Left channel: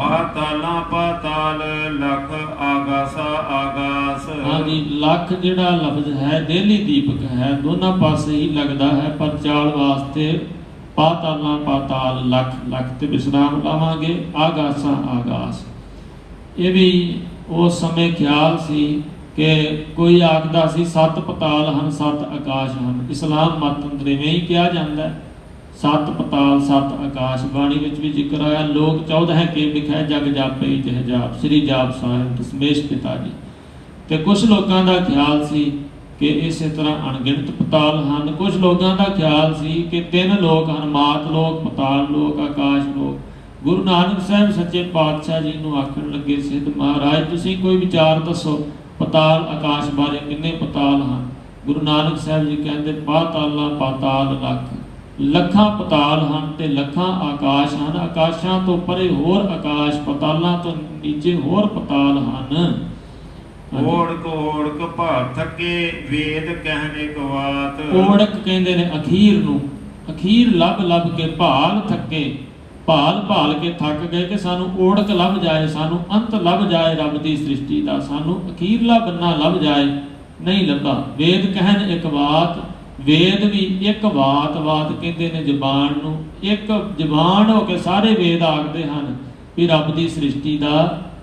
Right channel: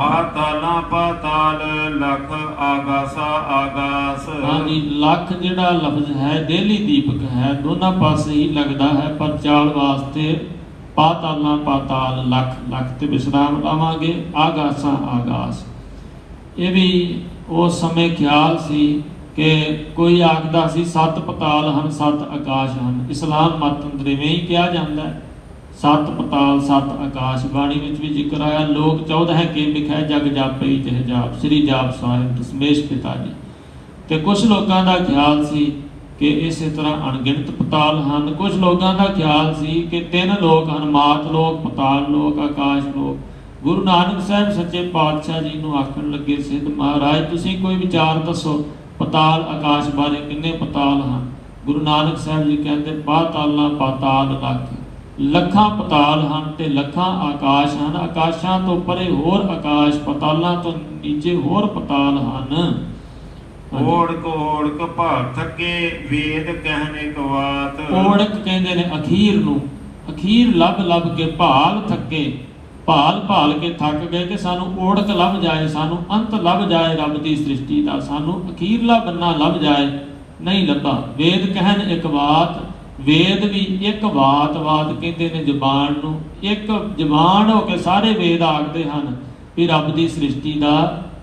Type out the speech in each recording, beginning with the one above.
पाताला पाताल लख आगासा आगास। हाँ जी, लख जिहड़ा लफ्ज है देली दीपक है, दोनों पासे ही लगता है, पर चाल वास्ते पाताला पाताल लख लख ते विश्राम लावांगे, आगासा आगास। ये भी उस समय ख्याल सी कि कोई आखदा सी सत पताल हन सत आकाश हन। इस्लाम मत अंदर इवें ही कहा जाता है, सत पताल सत आकाश। बाणी विच भी जिक्र आया, लोग 14 के लिखा जग जापे विच हजाब, श्री जाप साहिब दशमेश पिता जी। तो कुछ लोगों का ख्याल सी कि इस तरह अणगिणत पताल हैं। कुछ लोगों का ख्याल सी कि 3 लोक हैं, मात लोक, पताल लोक, आकाश लोक। गुरु नानक साहब सच्चे पातशाह जी नूं आखण लगे, सिद्ध महाराज तुसीं कोई विचार दसो पताल आकाश बारे, किन्ने पताल हैं? गुरु नानक साहब जी कहते पाताला पाताल लख, लखां पताल हैं ते लखां आकाश हैं। आकाशां तो परे होर आकाश, पतालां तो नीचे होर पताल हैं। ओढ़क भार थके वेद कहने कवात। ओढ़क कहते ने अखीर नूं, अखीर लभ लभ के भाल थके, भाल भाल के थक गए कि सानू ओढ़क लभ जाए, सानू अंत लभ जाए रब की सृष्टि का, सानू अखीरला बन्ना लभ जाए, नहीं लभा। वेद कहन एक बात, वेद भी एक बात, बात कहते ने जबान नूं, एक जबान हो के सारे वेद आखते हैं कि रब की सृष्टि का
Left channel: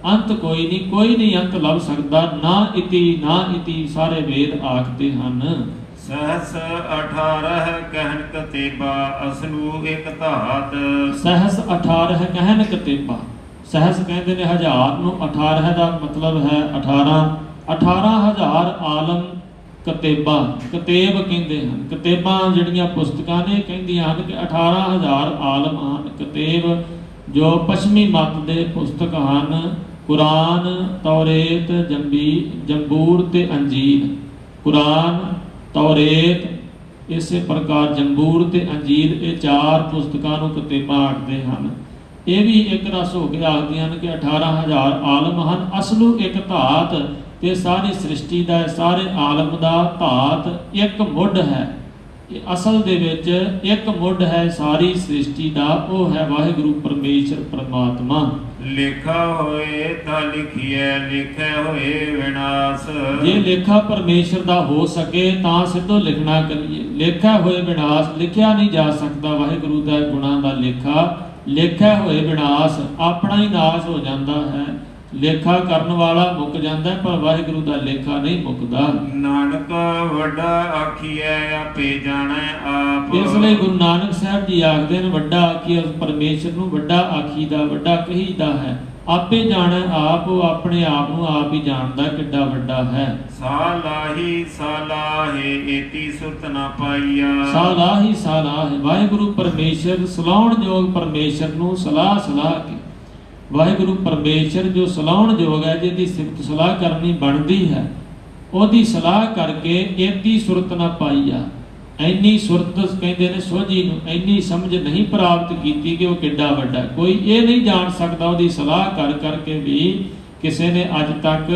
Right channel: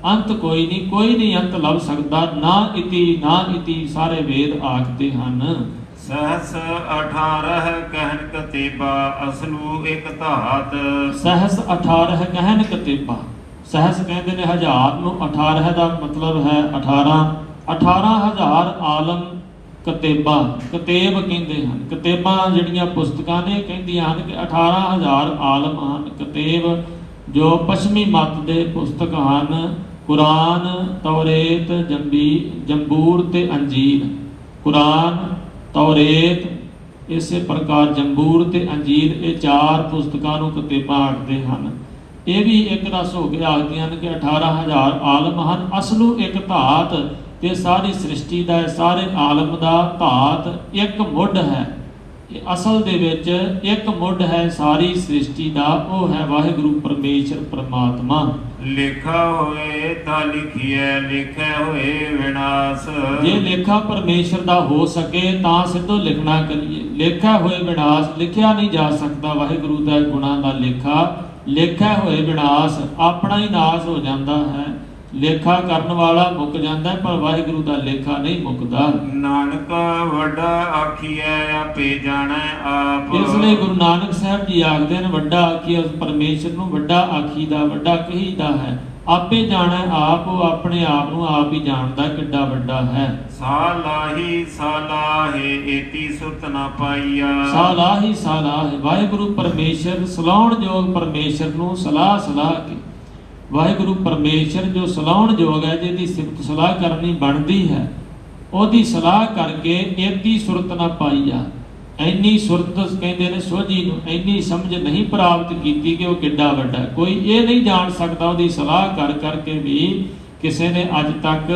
अंत कोई नहीं अंत लभ सकता, ना इति सारे वेद आखते हैं। सहस 18 कहन कतेबा असलू एक धात। सहस 18 कहन कतेबा, सहस कहते ने 1000 नूं, 18 का मतलब है 18,000 आलम कतेबा, कतेब कहते हैं। कतेबा जड़ियां पुस्तकां ने कहदियां हैं कि 18,000 आलम हैं। कतेब जो पश्चिमी मत के पुस्तक हैं, कुरान, तौरेत, जंबूर ते अंजीर। कुरान, तौरेत, इस प्रकार जंबूर ते अंजीर, ये 4 पुस्तकां नूं कतेबां आखदे हैं। ये भी एक रस हो के आखदियां हैं कि 18,000 आलम हैं। असलू एक धात, कि सारी सृष्टि का, सारे आलम का धात एक मुढ़ है। असल दे विच एक मुढ़ है सारी सृष्टि का, वो है वाहिगुरु परमेश्वर परमात्मा। लेखा होए ता लिखिए, लिखे होए विनाश। जे लेखा परमेश्वर का हो सके तो सिद्धो लिखना करिए। लेखा होए विनाश, लिखा नहीं जा सकता वाहिगुरु का गुणा का लेखा। लेखा होए विनाश, अपना ही नाश हो जाता है। लेखा करने वाला मुक जाता है, पर वाहिगुरु का लेखा नहीं मुकता। नानक वड्डा आखिए आपे जाने आप। इसलिए गुरु नानक साहब जी आखते हैं वड्डा आखिए परमेश्वर नूं, वड्डा आखीदा, वड्डा कहीदा है। आपे जाने आप, वो अपने आप नूं आप ही जानता किड्डा वड्डा है। सालाही सालाहे एती सुत ना पाईया। सालाही सालाहे, वाहिगुरु परमेश्वर सलाउण जोग परमेश्वर नूं सलाह सलाह के, वाहिगुरु परमेश्वर जो सलाउण जोग है, जिहदी सिफत सलाह करनी बनती है, ਉਹਦੀ सलाह करके एदी सुरत ना पाईया। इन्नी सुरत कहते ने सोझी नूं, इन्नी समझ नहीं प्राप्त की कि वह किड्डा वड्डा। कोई ये नहीं जान सकता, ਉਹਦੀ सलाह कर करके भी किसी ने अज तक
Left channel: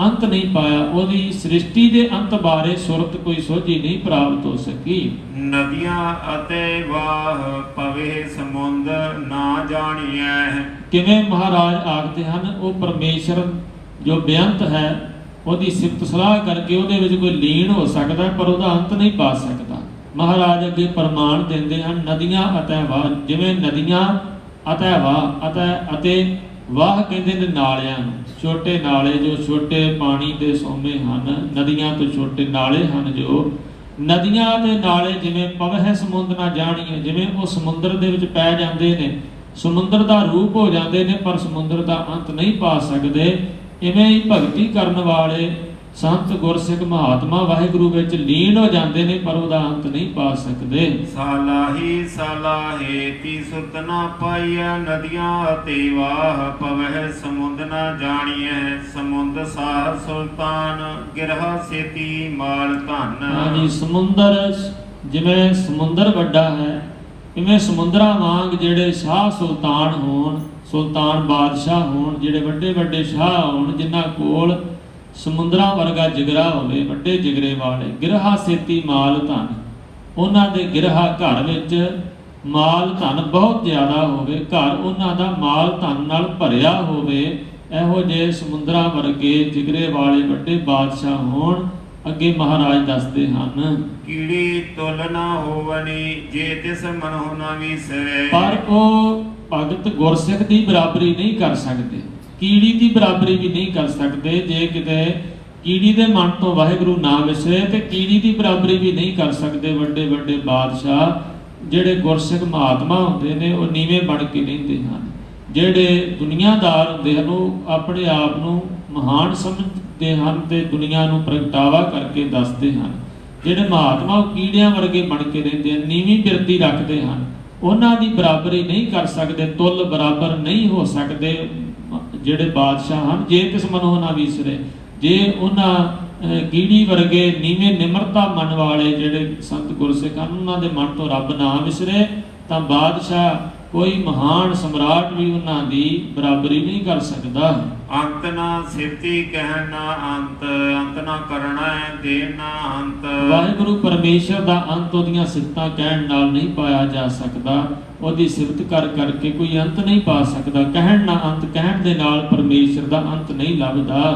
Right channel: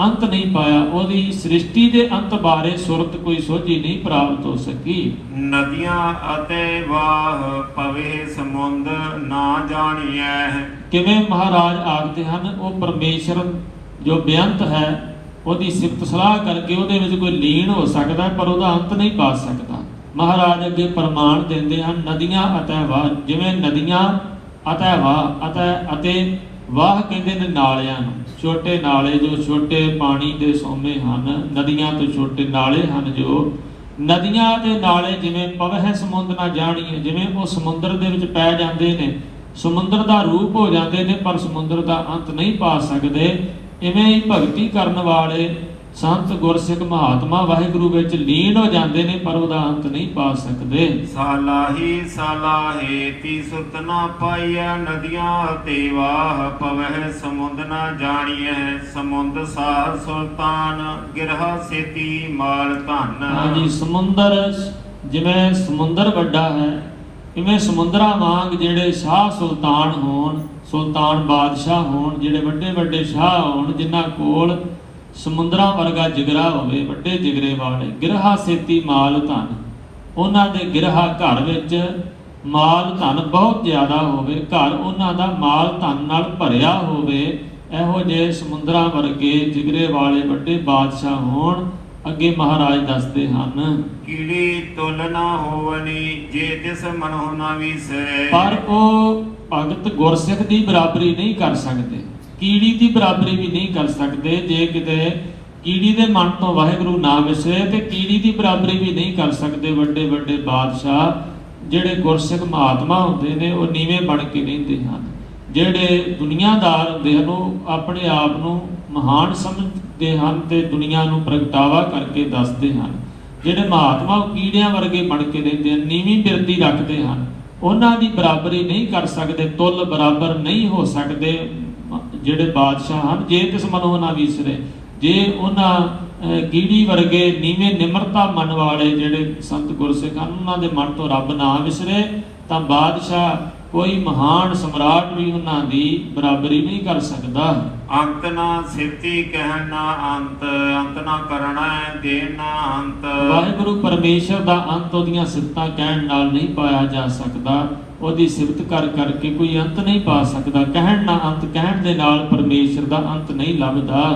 अंत नहीं पाया। ਉਹਦੀ सृष्टि के अंत बारे सुरत कोई सोझी नहीं प्राप्त हो सकी। नदियां अते वाह पवे समुंद ना जानिए। किवें महाराज आखते हैं, वो परमेश्वर जो बेअंत है, ਉਹਦੀ ਸਿਫਤ ਸਲਾਹ करके ਉਹਦੇ ਵਿੱਚ कोई लीन हो सकता है, पर ਉਹਦਾ अंत नहीं पा सकता। महाराज अगे प्रमाण देंदे हैं, नदियां अतै वाह, जिवें नदियां अतै वाह, अतै वाह कहते ने नालियां, छोटे नाले जो छोटे पानी के सोमे हैं। नदियां तो छोटे नाले हैं, जो नदियां ते नाले जिवें पवह समुंद ना जाणीए, जिवें वो समुंदर दे विच पै जांदे ने, समुंदर का रूप हो जाते हैं, पर समुंदर का अंत नहीं पा सकते। इवें ही भगती करने वाले संत गुरसिख महात्मा वाहिगुरु विच लीन हो जाते हैं, पर उसका अंत नहीं पा सकते। सालाही सालाहे ती सुत ना पाईया, नदियां ते वाह पवह समुंद ना जानिए। समुंद साह सुल्तान गिरहा सेती माल धन। हाँ जी, समुंदर जिवें समुंदर वड्डा है, इवें समुंदरा वांग जिहड़े शाह सुल्तान होण, सुल्तान बादशाह होण, जिहड़े वड्डे वड्डे शाह होण, जिन्हां कोल समुंदरा वर्गा जिगरा होवे, वड्डे जिगरे वाले, गिरहा सेती माल धन। उन्हां दे गिरहा घर विच ਮਾਲ ਧਨ ਬਹੁਤ ਜ਼ਿਆਦਾ ਹੋਵੇ, ਘਰ ਉਹਨਾਂ ਦਾ ਮਾਲ ਧਨ ਨਾਲ ਭਰਿਆ ਹੋਵੇ, ਇਹੋ ਜਿਹੇ ਸਮੁੰਦਰਾਂ ਵਰਗੇ ਜਿਗਰੇ ਵਾਲੇ ਵੱਡੇ ਬਾਦਸ਼ਾਹ ਹੋਣ। ਅੱਗੇ ਮਹਾਰਾਜ ਦੱਸਦੇ ਹਨ, ਕੀੜੀ ਤੁਲ ਨਾ ਹੋਵਨੀ ਜੇ ਤਿਸ ਮਨਹੁ ਨਾ ਵਿਸਰੇ। ਪਰ ਉਹ ਭਗਤ ਗੁਰਸਿੱਖ ਦੀ ਬਰਾਬਰੀ ਨਹੀਂ ਕਰ ਸਕਦੇ, ਕੀੜੀ ਦੀ ਬਰਾਬਰੀ ਵੀ ਨਹੀਂ ਕਰ ਸਕਦੇ। ਜੇ ਕਿਤੇ ਕੀੜੀ ਦੇ ਮਨ ਤੋਂ ਵਾਹਿਗੁਰੂ ਨਾ ਵਿਸਰੇ ਤੇ ਕੀੜੀ ਦੀ ਬਰਾਬਰੀ ਵੀ ਨਹੀਂ ਕਰ ਸਕਦੇ ਵੱਡੇ ਵੱਡੇ ਬਾਦਸ਼ਾਹ। ਜਿਹੜੇ ਗੁਰਸਿੱਖ ਮਹਾਤਮਾ ਹੁੰਦੇ ਨੇ ਉਹ ਨੀਵੇਂ ਬਣ ਕੇ ਰਹਿੰਦੇ ਹਨ। ਜਿਹੜੇ ਦੁਨੀਆਦਾਰ ਹੁੰਦੇ ਹਨ ਉਹ ਆਪਣੇ ਆਪ ਨੂੰ ਮਹਾਨ ਸਮਝਦੇ ਹਨ ਤੇ ਦੁਨੀਆ ਨੂੰ ਪ੍ਰਗਟਾਵਾ ਕਰਕੇ ਦੱਸਦੇ ਹਨ। ਜਿਹੜੇ ਮਹਾਤਮਾ ਉਹ ਕੀੜਿਆਂ ਵਰਗੇ ਬਣ ਕੇ ਰਹਿੰਦੇ ਹਨ, ਨੀਵੀਂ ਬਿਰਤੀ ਰੱਖਦੇ ਹਨ, ਉਹਨਾਂ ਦੀ ਬਰਾਬਰੀ ਨਹੀਂ ਕਰ ਸਕਦੇ, ਤੁਲ ਬਰਾਬਰ ਨਹੀਂ ਹੋ ਸਕਦੇ ਜਿਹੜੇ ਬਾਦਸ਼ਾਹ ਹਨ। ਜੇ ਕਿਸ ਮਨੋਂ ਨਾ ਵਿਸਰੇ, ਜੇ ਉਹਨਾਂ ਕੀੜੀ ਵਰਗੇ ਨੀਵੇਂ ਨਿਮਰਤਾ ਮਨ ਵਾਲੇ ਜਿਹੜੇ ਸੰਤ ਗੁਰਸਿੱਖ ਹਨ ਉਹਨਾਂ ਦੇ ਮਨ ਤੋਂ ਰੱਬ ਨਾ ਵਿਸਰੇ ਤਾਂ ਬਾਦਸ਼ਾਹ ਕੋਈ ਮਹਾਨ ਸਮਰਾਟ ਵੀ ਉਹਨਾਂ ਦੀ ਬਰਾਬਰੀ ਨਹੀਂ ਕਰ ਸਕਦਾ। ਅੰਤ ਨਾ ਸਿੱਧੀ ਕਹਿਣ ਨਾ ਅੰਤ, ਅੰਤ ਨਾ ਕਰਨਾ ਦੇਣ ਨਾ ਅੰਤ। ਵਾਹਿਗੁਰੂ ਪਰਮੇਸ਼ਰ ਦਾ ਅੰਤ ਉਹਦੀਆਂ ਸਿਫਤਾਂ ਕਹਿਣ ਨਾਲ ਨਹੀਂ ਪਾਇਆ ਜਾ ਸਕਦਾ, ਉਹਦੀ ਸਿਫਤ ਕਰ ਕਰਕੇ ਕੋਈ ਅੰਤ ਨਹੀਂ ਪਾ ਸਕਦਾ। ਕਹਿਣ ਨਾ ਅੰਤ, ਕਹਿਣ ਦੇ ਨਾਲ ਪਰਮੇਸ਼ਰ ਦਾ ਅੰਤ ਨਹੀਂ ਲੱਭਦਾ।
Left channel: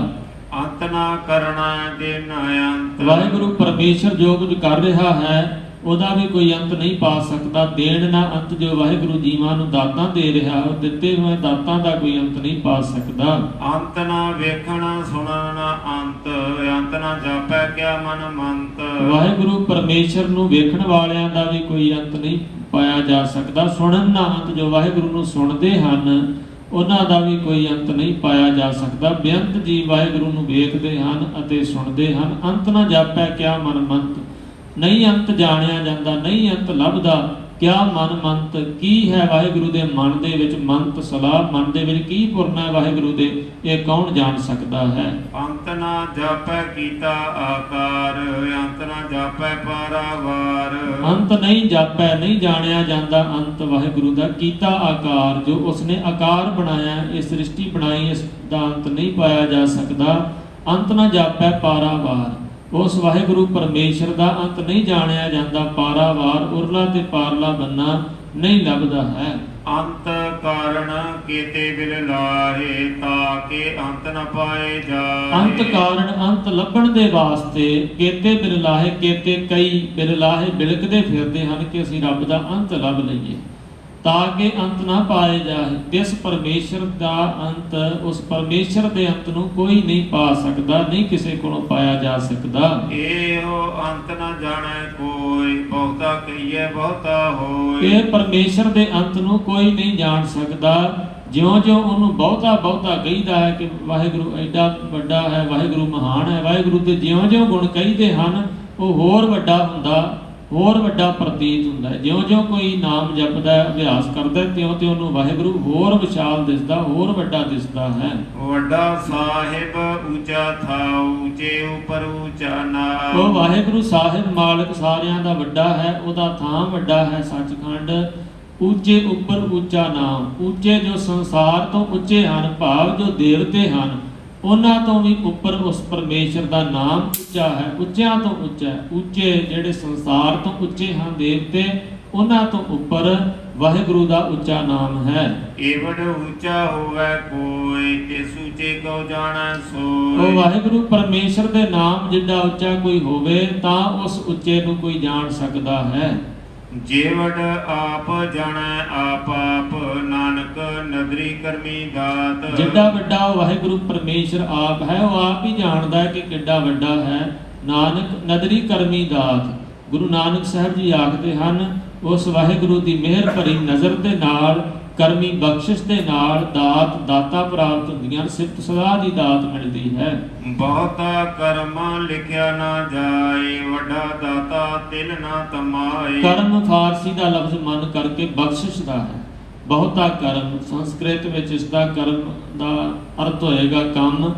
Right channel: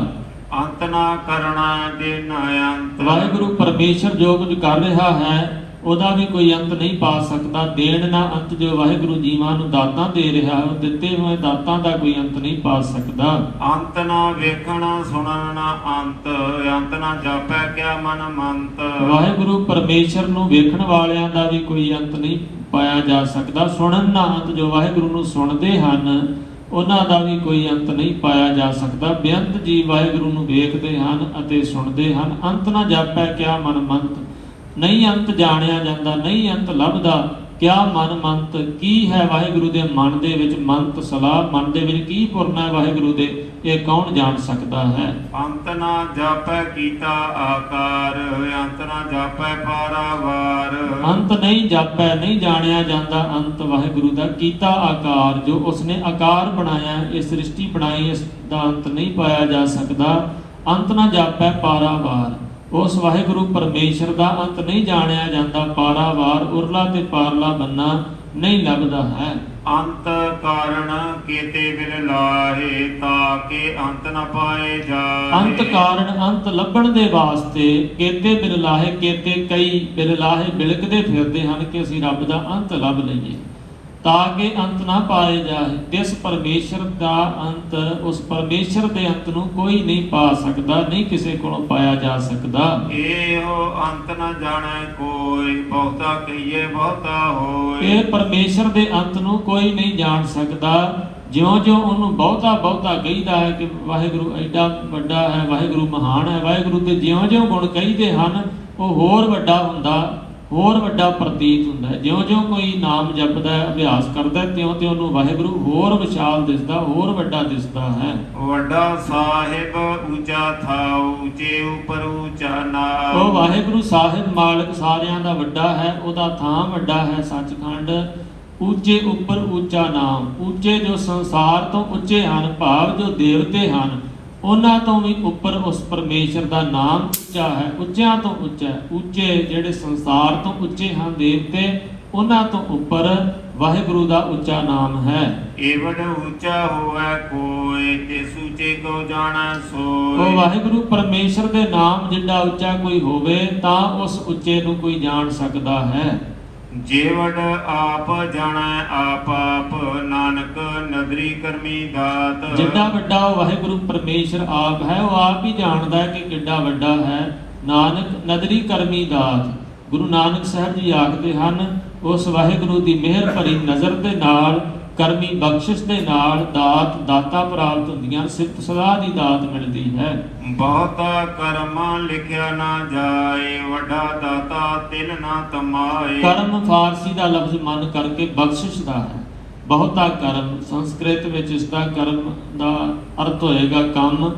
ਅੰਤ ਨਾ ਕਰਨਾ ਦੇਣ ਨਾ ਅੰਤ। ਵਾਹਿਗੁਰੂ ਪਰਮੇਸ਼ਰ ਜੋ ਕੁਝ ਕਰ ਰਿਹਾ ਹੈ ਉਹਦਾ ਵੀ ਕੋਈ ਅੰਤ ਨਹੀਂ ਪਾ ਸਕਦਾ। ਦੇਣ ਨਾ ਅੰਤ, ਜੋ ਵਾਹਿਗੁਰੂ ਜੀਵਾਂ ਨੂੰ ਦਾਤਾਂ ਦੇ ਰਿਹਾ ਉਹ ਦਿੱਤੇ ਹੋਏ ਦਾਤਾਂ ਦਾ ਕੋਈ ਅੰਤ ਨਹੀਂ ਪਾ ਸਕਦਾ। ਅੰਤ ਨਾ ਵੇਖਣਾ ਸੁਣਨ ਨਾ ਅੰਤ, ਅੰਤ ਨਾ ਜਾਪੈ ਕਿਆ ਮਨ ਮੰਤ। ਵਾਹਿਗੁਰੂ ਪਰਮੇਸ਼ਰ ਨੂੰ ਵੇਖਣ ਵਾਲਿਆਂ ਦਾ ਵੀ ਕੋਈ ਅੰਤ ਨਹੀਂ ਪਾਇਆ ਜਾ ਸਕਦਾ। ਸੁਣਨ ਨਾ ਅੰਤ, ਜੋ ਵਾਹਿਗੁਰੂ ਨੂੰ ਸੁਣਦੇ ਹਨ ਉਹਨਾਂ ਦਾ ਵੀ ਕੋਈ ਅੰਤ ਨਹੀਂ ਪਾਇਆ ਜਾ ਸਕਦਾ। ਬੇਅੰਤ ਜੀ ਵਾਹਿਗੁਰੂ ਨੂੰ ਵੇਖਦੇ ਹਨ ਅਤੇ ਸੁਣਦੇ ਹਨ। ਅੰਤ ਨਾ ਜਾਪੈ ਕਿਆ ਮਨ ਮੰਤ, ਨਹੀਂ ਅੰਤ ਜਾਣਿਆ ਜਾਂਦਾ, ਨਹੀਂ ਅੰਤ ਲੱਭਦਾ। ਕਿਆ ਮਨ ਮੰਤ, ਕੀ ਹੈ ਵਾਹਿਗੁਰੂ ਦੇ ਮਨ ਦੇ ਵਿੱਚ ਮੰਤ ਸਲਾਹ, ਮਨ ਦੇ ਵਿੱਚ ਕੀ ਪੁਰਨਾ ਹੈ ਵਾਹਿਗੁਰੂ ਦੇ, ਇਹ ਕੌਣ ਜਾਣ ਸਕਦਾ ਹੈ। ਅੰਤ ਨਾ ਜਾਪੈ ਕੀਤਾ ਆਕਾਰ, ਅੰਤ ਨਾ ਜਾਪੈ ਪਾਰਾਵਾਰ। ਅੰਤ ਨਹੀਂ ਜਾਪੈ, ਨਹੀਂ ਜਾਣਿਆ ਜਾਂਦਾ ਅੰਤ ਵਾਹਿਗੁਰੂ ਦਾ। ਕੀਤਾ ਆਕਾਰ, ਜੋ ਉਸਨੇ ਆਕਾਰ ਬਣਾਇਆ, ਇਹ ਸ੍ਰਿਸ਼ਟੀ ਬਣਾਈ, ਇਸ ਦਾ ਅੰਤ ਨਹੀਂ ਪਾਇਆ ਜਾ ਸਕਦਾ। ਅੰਤ ਨਾ ਜਾਪੈ ਪਾਰਾਵਾਰ, ਉਸ ਵਾਹਿਗੁਰੂ ਪਰਮੇਸ਼ਰ ਦਾ ਅੰਤ ਨਹੀਂ ਜਾਣਿਆ ਜਾਂਦਾ। ਪਾਰਾਵਾਰ, ਉਰਲਾ ਤੇ ਪਾਰਲਾ ਬੰਨਾ ਨਹੀਂ ਲੱਭਦਾ ਹੈ। ਅੰਤ ਕਾਰਨ ਕੀਤੇ ਬਿਨ ਲਾਹੇ, ਤਾਂ ਕਿ ਅੰਤ ਨ ਪਾਏ ਜਾਏ। ਅੰਤ ਕਾਰਨ, ਅੰਤ ਲੱਭਣ ਦੇ ਵਾਸਤੇ ਕੀਤੇ ਬਿਨ ਲਾਹੇ, ਕੀਤੇ ਕਈ ਬਿਨ ਲਾਹੇ ਬਿਲਕਦੇ ਫਿਰਦੇ ਹਨ ਕਿ ਅਸੀਂ ਰੱਬ ਦਾ ਅੰਤ ਲੱਭ ਲਈਏ, ਤਾਂ ਕਿ ਅੰਤ ਨਾ ਪਾਏ ਜਾਏ। ਜਿਸ ਪਰਮੇਸ਼ਰ ਦਾ ਅੰਤ, ਉਸ ਪਰਮੇਸ਼ਰ ਦੇ ਅੰਤ ਨੂੰ ਕੋਈ ਨਹੀਂ ਪਾ ਸਕਦਾ, ਨਹੀਂ ਕਿਸੇ ਕੋਲੋਂ ਪਾਇਆ ਜਾ ਸਕਦਾ। ਇਹੋ ਅੰਤ ਨਾ ਜਾਣੈ ਕੋਈ, ਬਹੁਤਾ ਕਹੀਏ ਬਹੁਤਾ ਹੋਏ। ਇਹ ਪਰਮੇਸ਼ਰ ਦੇ ਅੰਤ ਨੂੰ ਕੋਈ ਨਹੀਂ ਜਾਣ ਸਕਦਾ। ਜਿਉਂ-ਜਿਉਂ ਉਹਨੂੰ ਬਹੁਤਾ ਕਹੀਦਾ ਹੈ ਕਿ ਵਾਹਿਗੁਰੂ ਐਡਾ ਵੱਡਾ ਹੈ, ਵਾਹਿਗੁਰੂ ਮਹਾਨ ਹੈ, ਵਾਹਿਗੁਰੂ ਦੇ ਜਿਉਂ-ਜਿਉਂ ਗੁਣ ਕਹੀਦੇ ਹਨ ਉਹ ਹੋਰ ਵੱਡਾ ਹੁੰਦਾ, ਹੋਰ ਵੱਡਾ ਪ੍ਰਤੀਤ ਹੁੰਦਾ ਹੈ। ਜਿਉਂ-ਜਿਉਂ ਕੋਈ ਨਾਮ ਜਪਦਾ ਹੈ, ਅਭਿਆਸ ਕਰਦਾ, ਤਿਉਂ-ਤਿਉਂ ਉਹਨੂੰ ਵਾਹਿਗੁਰੂ ਹੋਰ ਵਿਸ਼ਾਲ ਦਿਸਦਾ, ਹੋਰ ਵੱਡਾ ਦਿਸਦਾ ਹੈ। ਵੱਡਾ ਸਾਹਿਬ ਉੱਚਾ ਥਾਉ, ਉੱਚੇ ਉਪਰ ਉੱਚਾ ਨਾਮ। ਉਹ ਵਾਹਿਗੁਰੂ ਸਾਹਿਬ ਮਾਲਕ ਸਾਰਿਆਂ ਦਾ ਵੱਡਾ ਹੈ, ਉਹਦਾ ਥਾਂ ਵੱਡਾ ਹੈ ਸੱਚਖੰਡ। ਉੱਚੇ ਉੱਪਰ ਉੱਚਾ ਨਾਮ, ਉੱਚੇ ਜੋ ਸੰਸਾਰ ਤੋਂ ਉੱਚੇ ਹਨ, ਭਾਵ ਜੋ ਦੇਵਤੇ ਹਨ ਉਹਨਾਂ ਤੋਂ ਵੀ ਉੱਪਰ ਉਸ ਪਰਮੇਸ਼ਰ ਦਾ ਨਾਮ ਉੱਚਾ ਹੈ, ਉੱਚਿਆਂ ਤੋਂ ਉੱਚਾ ਹੈ। ਉੱਚੇ ਜਿਹੜੇ ਸੰਸਾਰ ਤੋਂ ਉੱਚੇ ਹਨ ਦੇਵਤੇ, ਉਹਨਾਂ ਤੋਂ ਉੱਪਰ ਵਾਹਿਗੁਰੂ ਦਾ ਉੱਚਾ ਨਾਮ ਹੈ। ਏਵਡ ਉੱਚਾ ਹੋਵੇ ਕੋਈ, ਇਸ ਉੱਚੇ ਕੋ ਜਾਣੈ ਸੋਇ। ਉਹ ਵਾਹਿਗੁਰੂ ਪਰਮੇਸ਼ਰ ਦੇ ਨਾਮ ਜਿੱਡਾ ਉੱਚਾ ਕੋਈ ਹੋਵੇ ਤਾਂ ਉਸ ਉੱਚੇ ਨੂੰ ਕੋਈ ਜਾਣ ਸਕਦਾ ਹੈ। ਜੀਵਨ ਆਪ ਜਾਣੈ ਆਪ ਆਪ, ਨਾਨਕ ਨਦਰੀ ਕਰਮੀ ਦਾਤ। ਜਿੱਡਾ ਵੱਡਾ ਉਹ ਵਾਹਿਗੁਰੂ ਪਰਮੇਸ਼ਰ ਆਪ ਹੈ, ਉਹ ਆਪ ਹੀ ਜਾਣਦਾ ਹੈ ਕਿ ਕਿੱਡਾ ਵੱਡਾ ਹੈ। ਨਾਨਕ ਨਦਰੀ ਕਰਮੀ ਦਾਤ, ਗੁਰੂ ਨਾਨਕ ਸਾਹਿਬ ਜੀ ਆਖਦੇ ਹਨ ਉਸ ਵਾਹਿਗੁਰੂ ਦੀ ਮਿਹਰ ਭਰੀ ਨਜ਼ਰ ਦੇ ਨਾਲ, ਕਰਮੀ ਬਖਸ਼ਿਸ਼ ਦੇ ਨਾਲ ਦਾਤਾਂ ਪ੍ਰਾਪਤ ਹੁੰਦੀਆਂ, ਸਿਫਤ ਸਲਾਹ ਦੀ ਦਾਤ ਮਿਲਦੀ ਹੈ। ਬਹੁਤਾ ਕਰਮ ਲਿਖਿਆ ਨਾ ਜਾਏ, ਵੱਡਾ ਦਾਤਾ ਤਿਲ ਨਾ ਤਮਾਏ। ਕਰਮ ਫਾਰਸੀ ਦਾ ਲਫ਼ਜ਼ ਮੰਨ ਕਰਕੇ ਬਖਸ਼ਿਸ਼ ਦਾ ਹੈ। ਬਹੁਤਾ ਕਰਮ, ਸੰਸਕ੍ਰਿਤ ਵਿੱਚ ਇਸ ਦਾ ਕਰਮ ਦਾ ਅਰਥ ਹੋਏਗਾ ਕੰਮ,